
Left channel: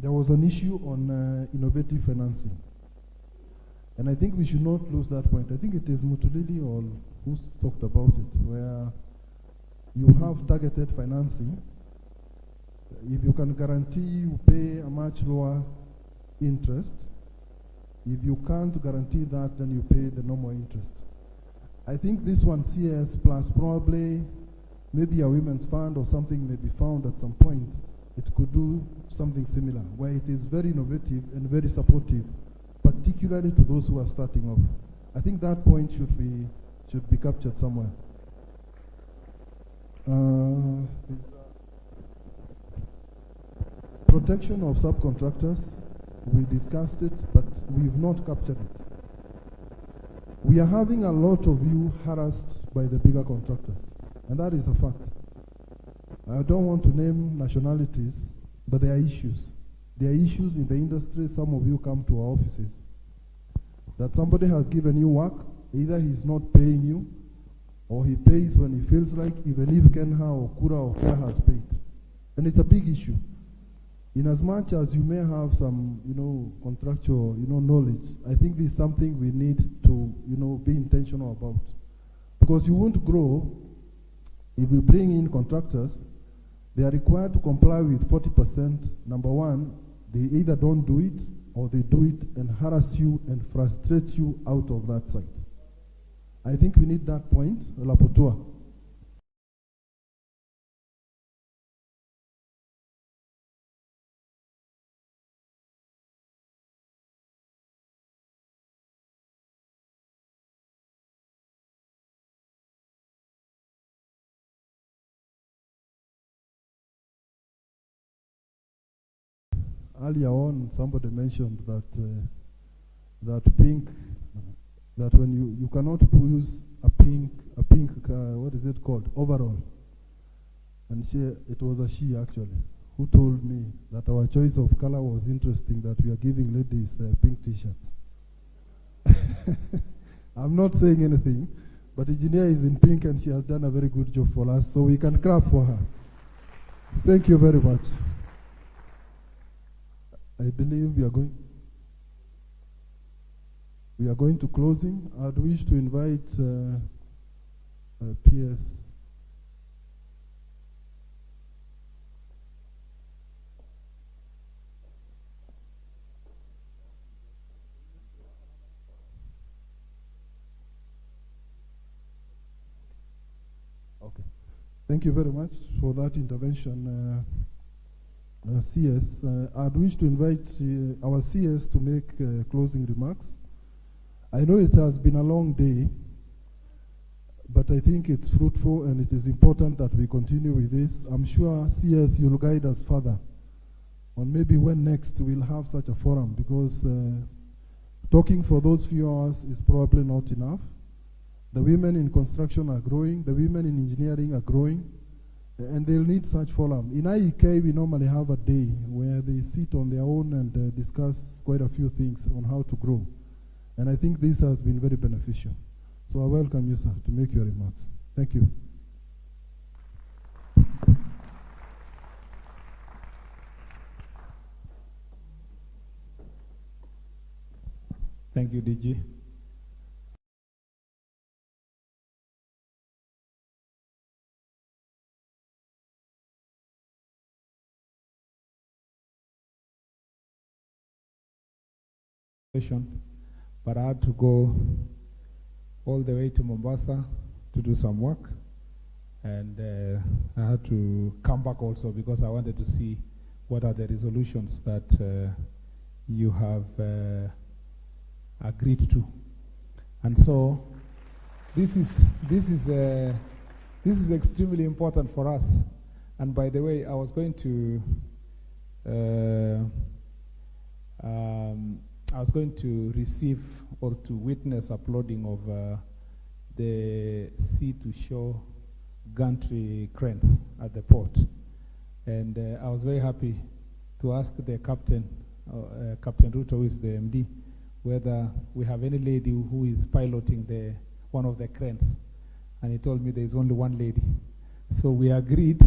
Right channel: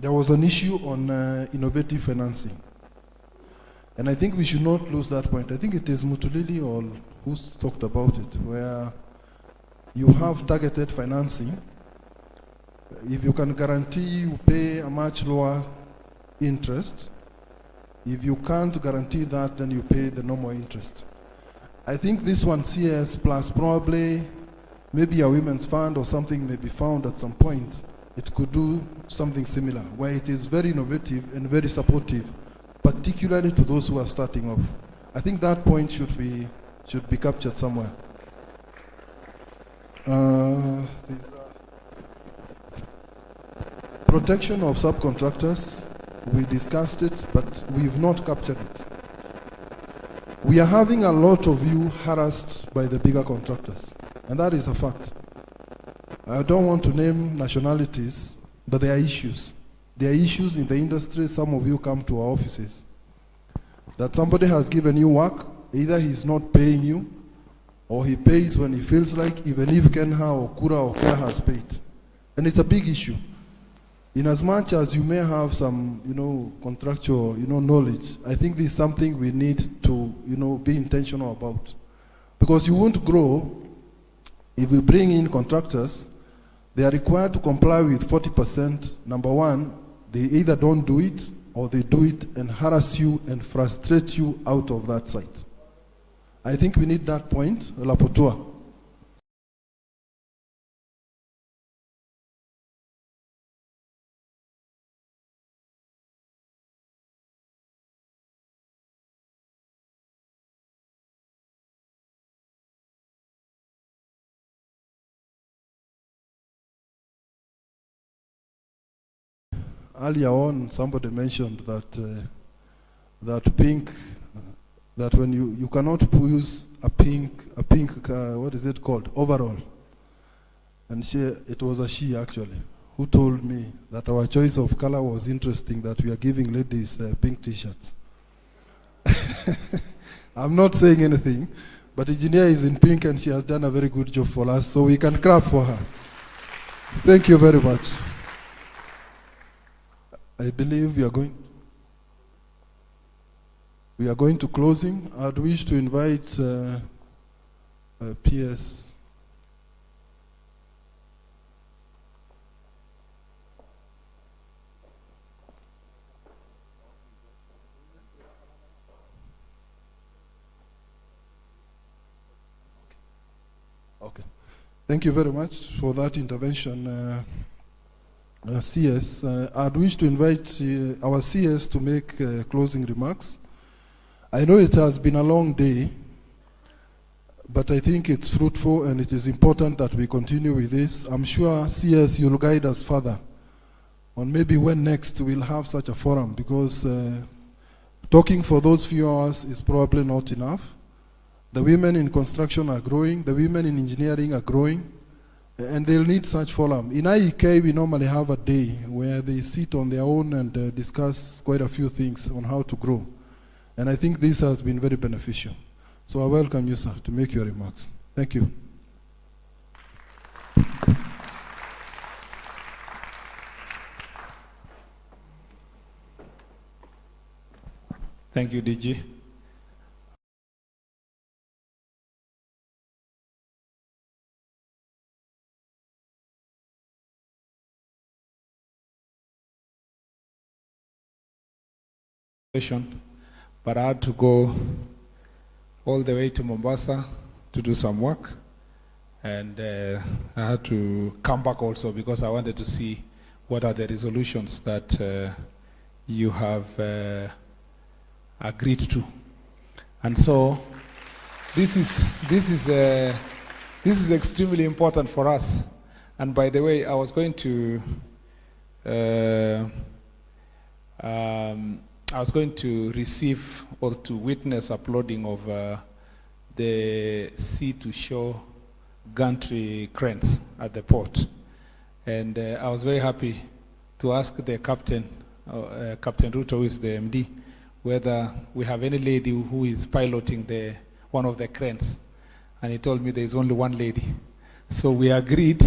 There was an issue on innovative financing. And I think we should not lose that point. I think it is Mutulili or who's talked about it, where you have targeted financing. If you can guarantee you pay a much lower interest, if you can't guarantee that, then you pay the normal interest. I think this one, CS plus probably maybe a women's fund or something may be found at some point. It could do something similar, where it is very innovative and very supportive, particularly to those who are starting off. I think that point should be captured somewhere. Protection of subcontractors, we discussed it, but we've not captured it. We are having a lot of you harassed by the bigger contractors, and that is a fact. I don't want to name nationalities, but there are issues. There are issues in the industry. Some of you come to our offices. That somebody has given you work, either he's not paying you, or he pays when he feels like, even if Kenha or Kura or Kera has paid. And it's a big issue. In as much as you may have some, contractual, knowledge, I think this is something we need to, be intentional about. Because you won't grow if we bring in contractors. They are required to comply with 40%. Number 1, they either don't do it or they do it and harass you and frustrate you out of that site. I think we need that point, Lapotua. Earlier on, somebody mentioned that that when you cannot use a pink what is it called, overall. And it was a she actually who told me that our choice of color was interesting, that we are giving ladies pink t-shirts. I'm not saying anything, but engineer is in pink and she has done a very good job for us, so we can clap for her. Thank you very much. I believe we are going to closing. I'd wish to invite PS. Okay. Thank you very much for that intervention. CS, I'd wish to invite our CS to make closing remarks. I know it has been a long day, but I think it's fruitful and it is important that we continue with this. I'm sure, CS, you'll guide us further on maybe when next we'll have such a forum, because talking for those few hours is probably not enough. The women in construction are growing, the women in engineering are growing, and they'll need such forum. In IEK, we normally have a day where they sit on their own and discuss quite a few things on how to grow. And I think this has been very beneficial. So I welcome you, sir, to make your remarks. Thank you. Thank you, DG. But I had to go all the way to Mombasa to do some work, and I had to come back also because I wanted to see what are the resolutions that you have agreed to. And so this is extremely important for us. And by the way, I was going to receive or to witness uploading of the sea to shore gantry cranes at the port. And I was very happy to ask the captain, Captain Ruto, who is the MD, whether we have any lady who is piloting one of the cranes. And he told me there is only one lady. So we agreed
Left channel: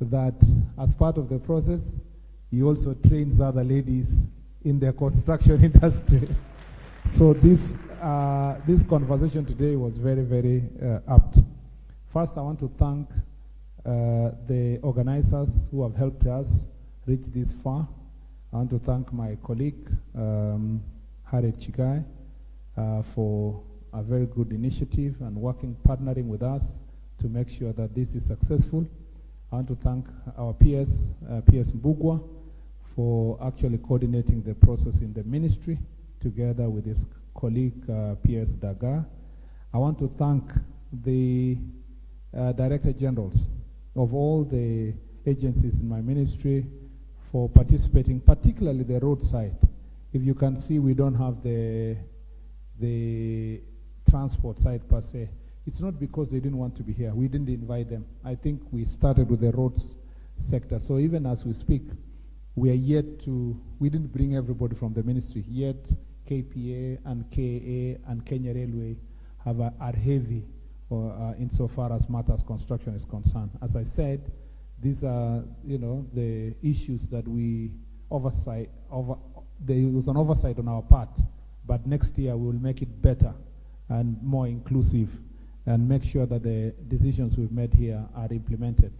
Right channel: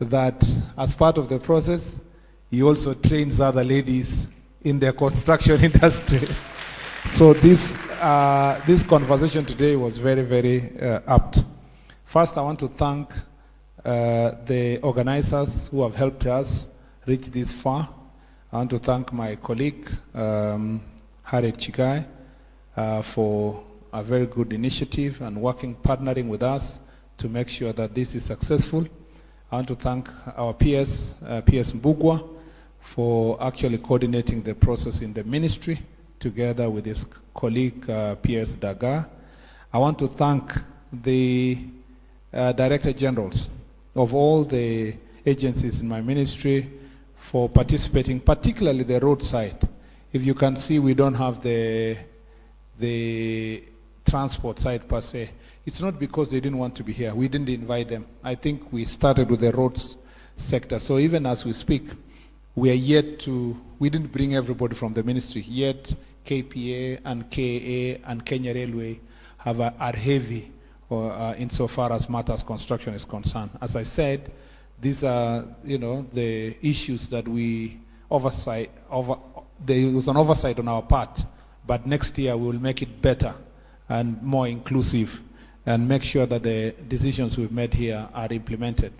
that as part of the process, he also trains other ladies in the construction industry. So this conversation today was very, very apt. First, I want to thank the organizers who have helped us reach this far. I want to thank my colleague, Harriet Chigai, for a very good initiative and partnering with us to make sure that this is successful. I want to thank our PS Mbugwa, for actually coordinating the process in the ministry together with his colleague PS Daga. I want to thank the Director Generals of all the agencies in my ministry for participating, particularly the roadside. If you can see, we don't have the transport side per se. It's not because they didn't want to be here. We didn't invite them. I think we started with the roads sector. So even as we speak, we didn't bring everybody from the ministry, yet KPA and KA and Kenya Railway are heavy insofar as matters construction is concerned. As I said, these are, the issues that there was an oversight on our part, but next year we will make it better and more inclusive and make sure that the decisions we've made here are implemented.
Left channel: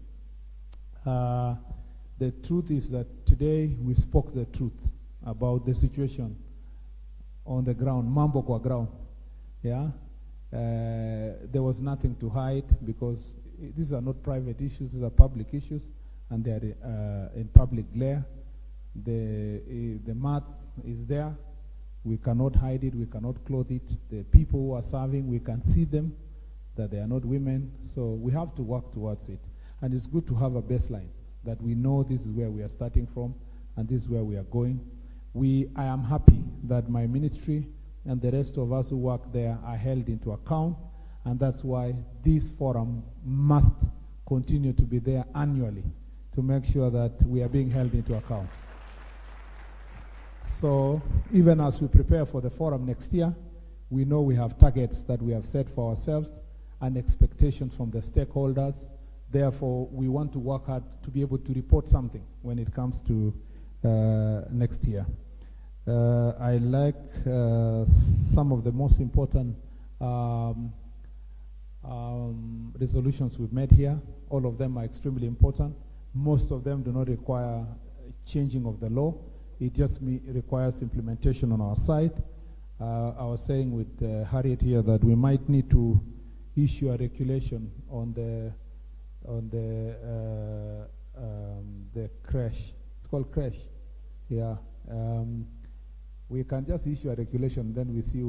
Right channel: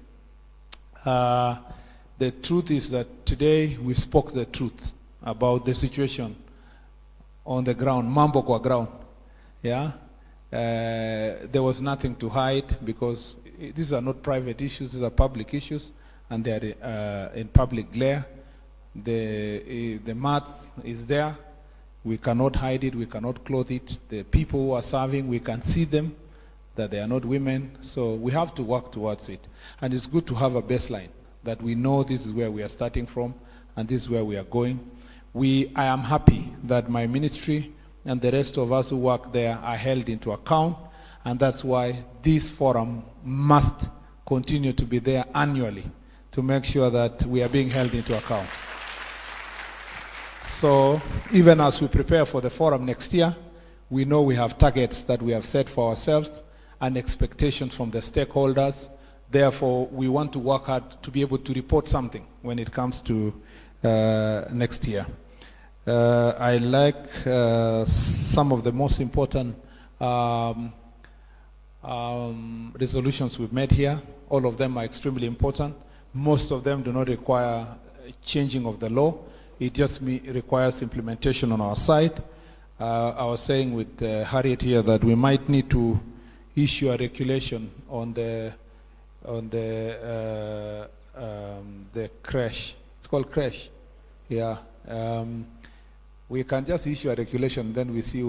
The truth is that today we spoke the truth about the situation on the ground, mambo kwa ground. Yeah, there was nothing to hide because these are not private issues; these are public issues, and they are in public glare. The math is there. We cannot hide it. We cannot clothe it. The people who are serving, we can see them, that they are not women. So we have to work towards it, and it's good to have a baseline, that we know this is where we are starting from and this is where we are going. I am happy that my ministry and the rest of us who work there are held into account, and that's why this forum must continue to be there annually to make sure that we are being held into account. So even as we prepare for the forum next year, we know we have targets that we have set for ourselves and expectations from the stakeholders. Therefore, we want to work hard to be able to report something when it comes to next year. I like some of the most important resolutions we've made here. All of them are extremely important. Most of them do not require changing of the law. It just requires implementation on our side. I was saying with Harriet here that we might need to issue a regulation on the crash. It's called crash. Yeah. We can just issue a regulation, then we see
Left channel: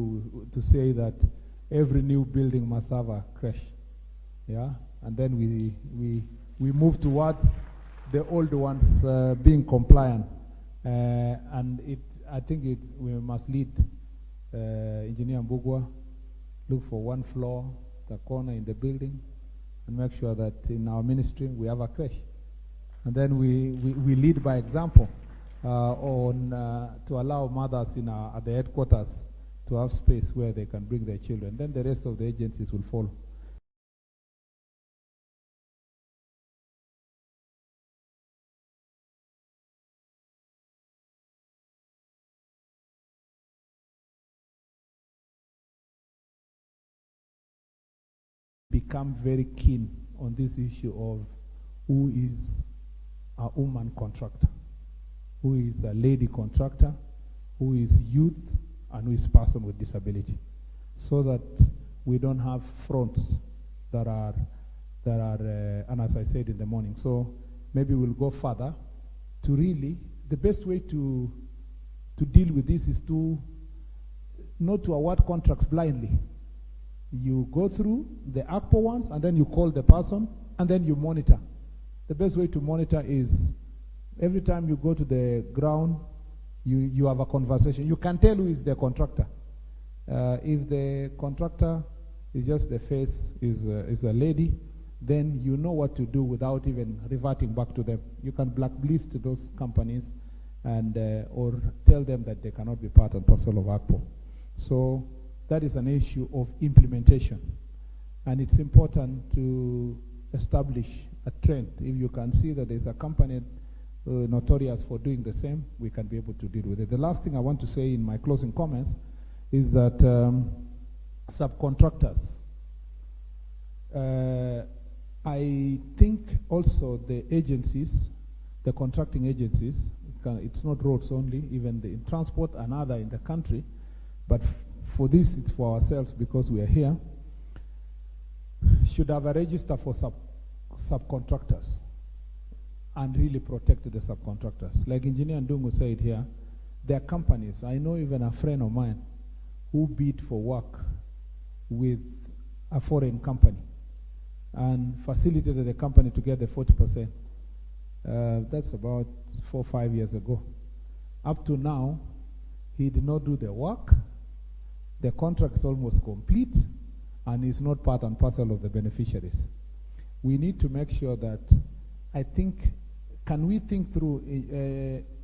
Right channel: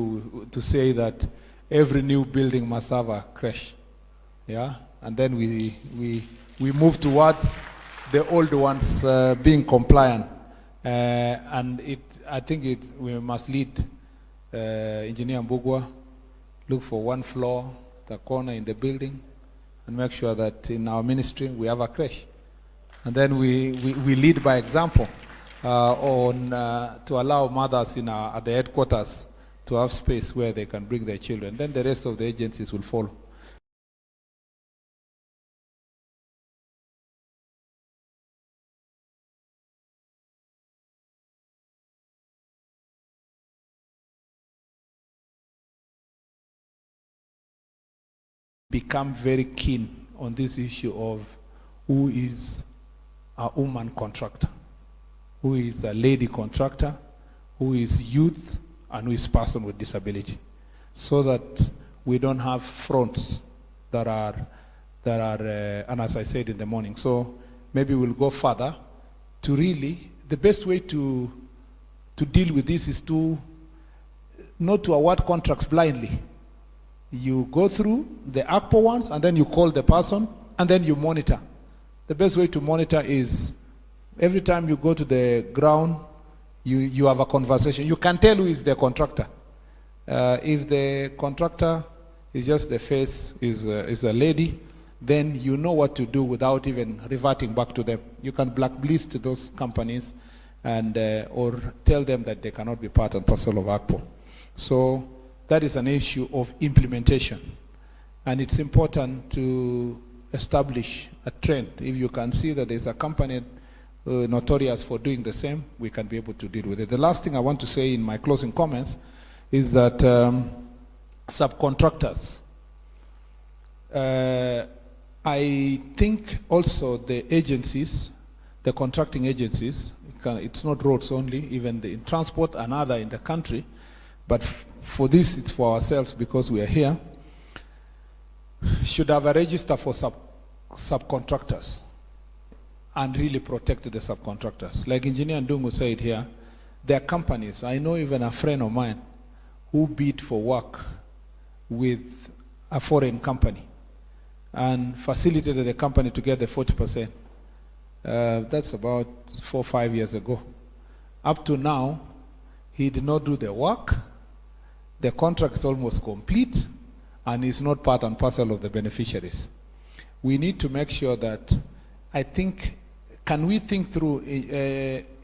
to say that every new building must have a crash. Yeah. And then we move towards the old ones being compliant. And I think we must lead Engineer Mbugwa, look for one floor, the corner in the building, and make sure that in our ministry we have a crash. And then we lead by example to allow mothers at the headquarters to have space where they can bring their children. Then the rest of the agencies will follow. Become very keen on this issue of who is a woman contractor, who is a lady contractor, who is youth, and who is person with disability, so that we don't have fronts that are, and as I said in the morning, so maybe we'll go further to really, the best way to deal with this is to not to award contracts blindly. You go through the ACPO ones, and then you call the person, and then you monitor. The best way to monitor is every time you go to the ground, you have a conversation. You can tell who is the contractor. If the contractor is just the face, is a lady, then you know what to do without even reverting back to them. You can blacklist those companies and or tell them that they cannot be part and parcel of ACPO. So that is an issue of implementation. And it's important to establish a trend. If you can see that there's a company notorious for doing the same, we can be able to deal with it. The last thing I want to say in my closing comments is that subcontractors, I think also the agencies, the contracting agencies, it's not roads only, even in transport and other in the country, but for this it's for ourselves because we are here, should have a register for subcontractors and really protect the subcontractors. Like Engineer Ndungu said here, there are companies, I know even a friend of mine who bid for work with a foreign company and facilitated the company to get the 40%. That's about 4 or 5 years ago. Up to now, he did not do the work. The contract is almost complete and is not part and parcel of the beneficiaries. We need to make sure that, I think, can we think through,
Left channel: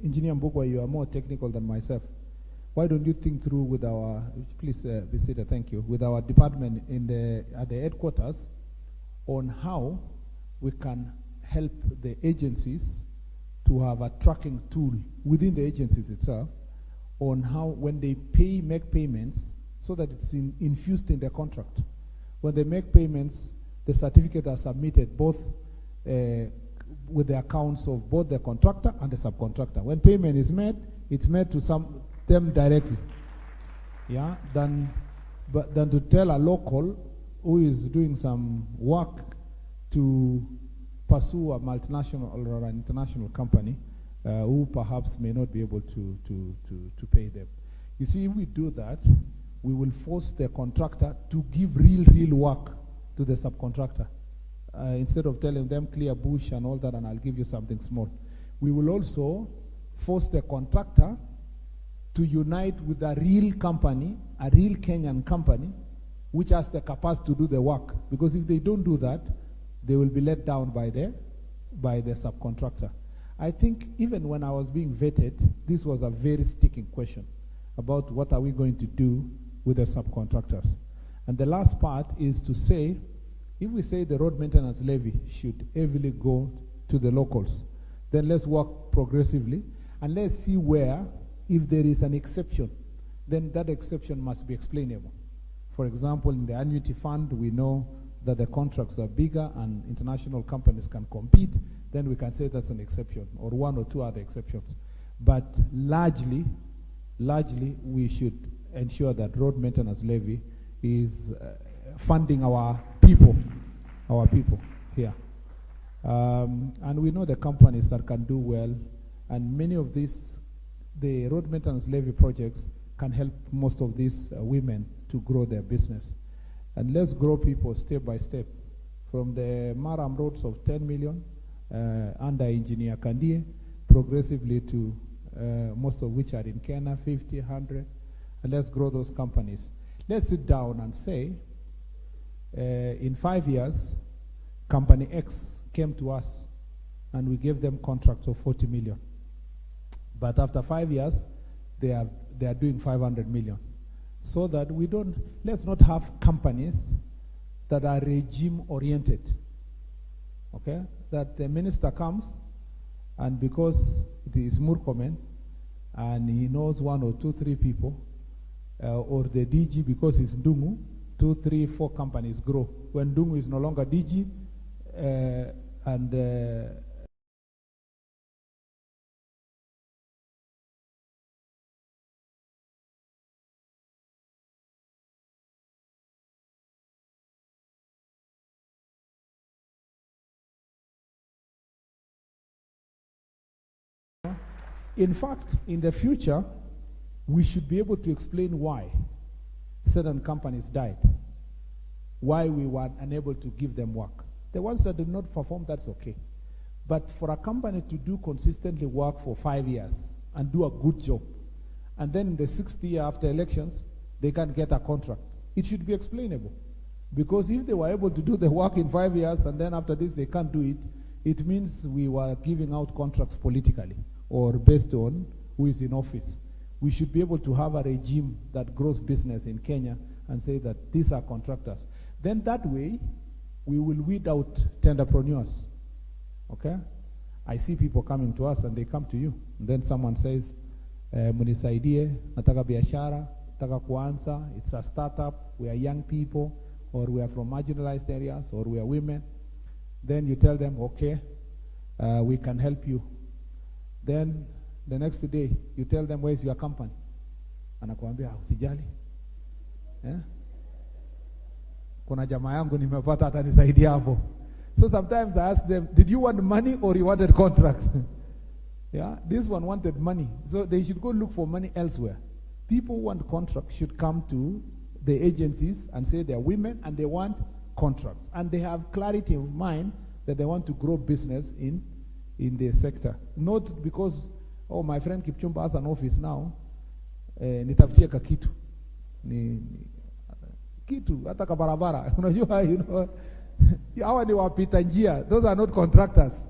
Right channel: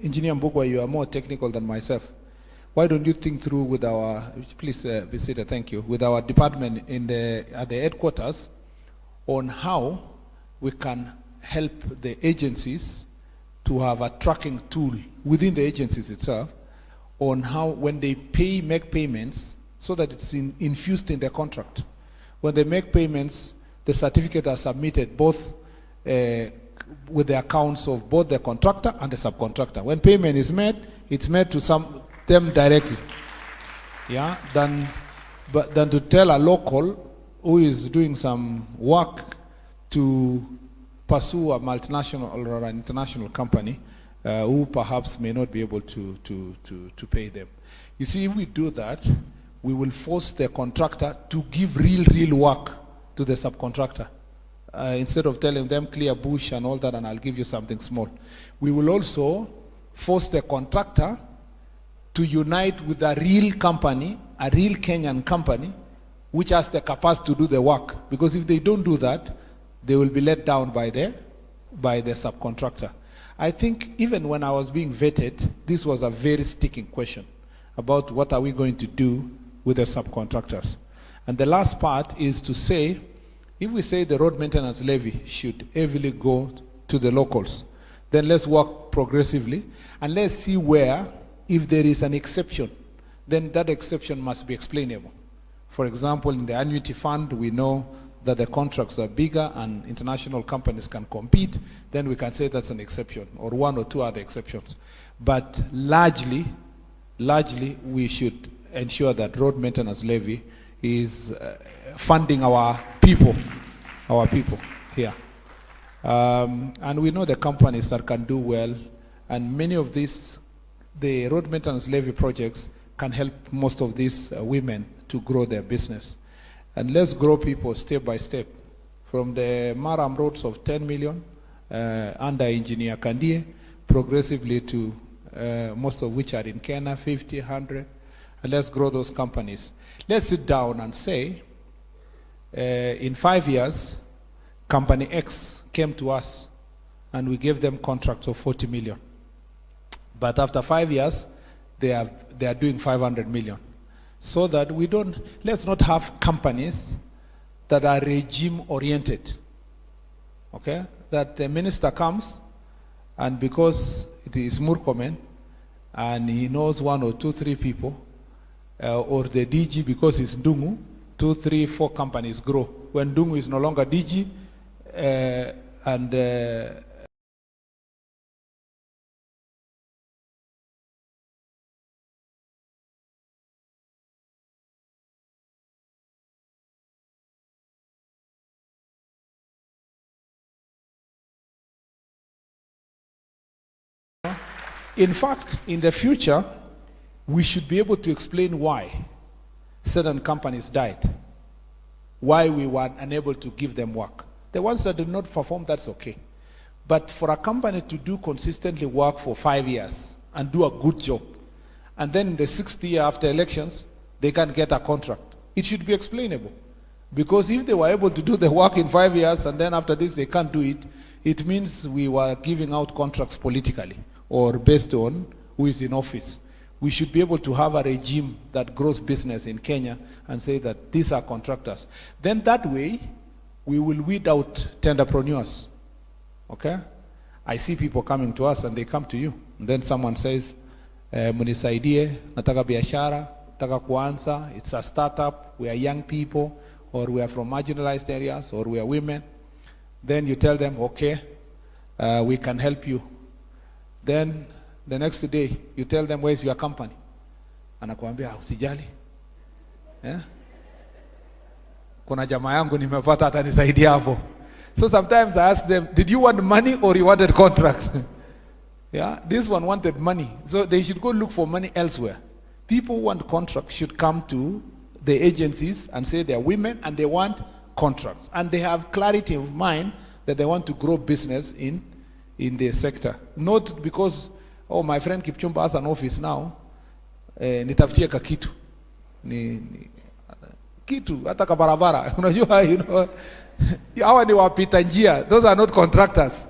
Engineer Mbugwa, you are more technical than myself. Why don't you think through with our, please be seated, thank you, with our department at the headquarters on how we can help the agencies to have a tracking tool within the agencies itself on how when they make payments so that it's infused in their contract. When they make payments, the certificate are submitted both with the accounts of both the contractor and the subcontractor. When payment is made, it's made to them directly. Yeah, than to tell a local who is doing some work to pursue a multinational or an international company who perhaps may not be able to pay them. You see, if we do that, we will force the contractor to give real work to the subcontractor. Instead of telling them clear bush and all that and I'll give you something small. We will also force the contractor to unite with a real company, a real Kenyan company, which has the capacity to do the work. Because if they don't do that, they will be let down by the subcontractor. I think even when I was being vetted, this was a very sticking question about what are we going to do with the subcontractors. And the last part is to say, if we say the road maintenance levy should heavily go to the locals, then let's work progressively and let's see where, if there is an exception, then that exception must be explainable. For example, in the annuity fund, we know that the contracts are bigger and international companies can compete, then we can say that's an exception, or 1 or 2 other exceptions. But largely, we should ensure that road maintenance levy is funding our people here. And we know the companies that can do well, and many of these, the road maintenance levy projects can help most of these women to grow their business. And let's grow people step by step. From the Maram roads of 10 million under Engineer Kandie, progressively to most of which are in Kenya, 50, 100. And let's grow those companies. Let's sit down and say, in 5 years, company X came to us and we gave them contracts of 40 million. But after 5 years, they are doing 500 million. so that let's not have companies that are regime oriented. Okay? That the minister comes, and because it is Murkomen, and he knows 1 or 2, 3 people, or the DG because it's Dungu, 2, 3, 4 companies grow. When Dungu is no longer DG, in fact, in the future, we should be able to explain why certain companies died, why we were unable to give them work. The ones that did not perform, that's okay. But for a company to do consistently work for 5 years and do a good job, and then in the 6th year after elections, they can't get a contract, it should be explainable. Because if they were able to do the work in 5 years and then after this they can't do it, it means we were giving out contracts politically or based on who is in office. We should be able to have a regime that grows business in Kenya and say that these are contractors. Then that way, we will weed out tenderpreneurs. Okay? I see people coming to us and they come to you. And then someone says, munisaidie, nataka biashara, nataka kuanza, it's a startup, we are young people, or we are from marginalized areas, or we are women. Then you tell them, okay, we can help you. Then the next day, you tell them, where's your company? Anakuambia, usijali. Yeah? Kuna jamaa yangu nimepata atanisaidia hapo. So sometimes I ask them, did you want money or you wanted contract? Yeah, this one wanted money. So they should go look for money elsewhere. People who want contracts should come to the agencies and say they're women and they want contracts. And they have clarity of mind that they want to grow business in their sector. Not because, oh, my friend Kipchumba has an office now, nitafutie kakitu. Kitu, hata kabarabara. Unajua, you know, hawa ni wapita njia. Those are not contractors.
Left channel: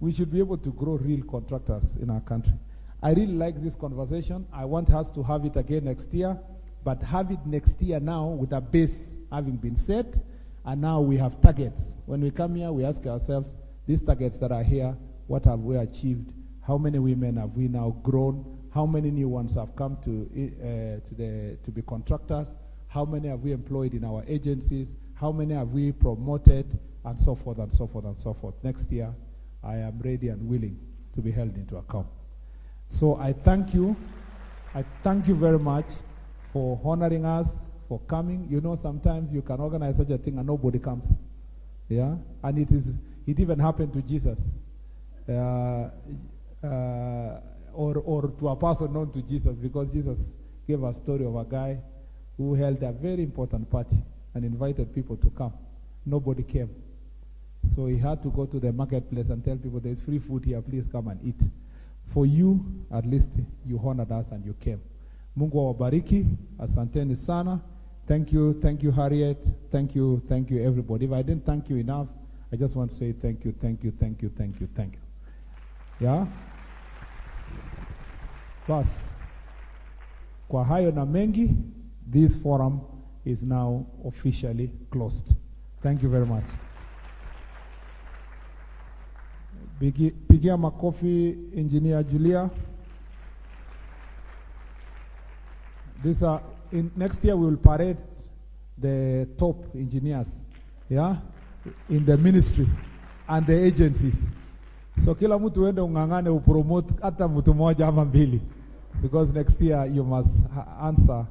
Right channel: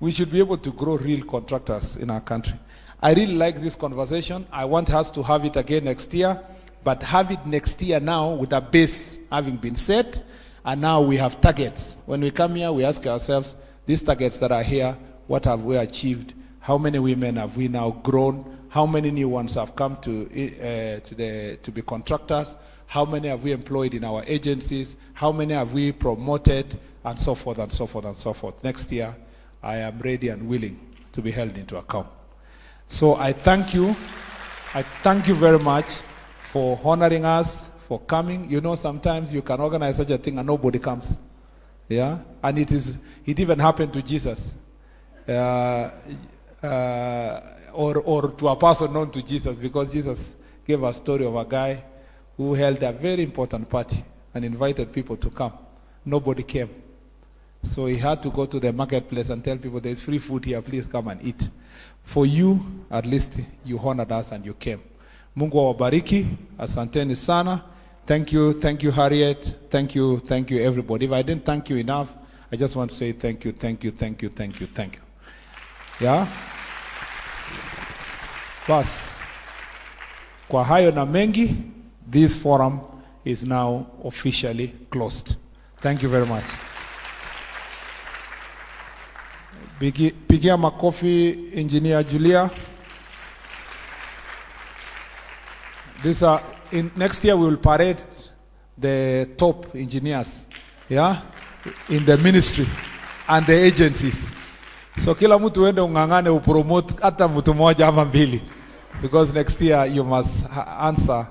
We should be able to grow real contractors in our country. I really like this conversation. I want us to have it again next year, but have it next year now with a base having been set, and now we have targets. When we come here, we ask ourselves, these targets that are here, what have we achieved? How many women have we now grown? How many new ones have come to be contractors? How many have we employed in our agencies? How many have we promoted? And so forth and so forth and so forth. Next year, I am ready and willing to be held into account. So I thank you. I thank you very much for honoring us, for coming. You know, sometimes you can organize such a thing and nobody comes. Yeah? And it even happened to Jesus. Or to a person known to Jesus, because Jesus gave a story of a guy who held a very important party and invited people to come. Nobody came. So he had to go to the marketplace and tell people, there's free food here, please come and eat. For you, at least, you honored us and you came. Mungu awabariki, asanteni sana. Thank you, Harriet. Thank you, everybody. If I didn't thank you enough, I just want to say thank you. Yeah? Bas, kwa hayo na mengi, this forum is now officially closed. Thank you very much. Pigia makofi Engineer Julia. Next year we will parade the top engineers, yeah, in the ministry and the agencies. So kila mtu uende ungangane upromote hata mtu moja ama mbili, because next year you must answer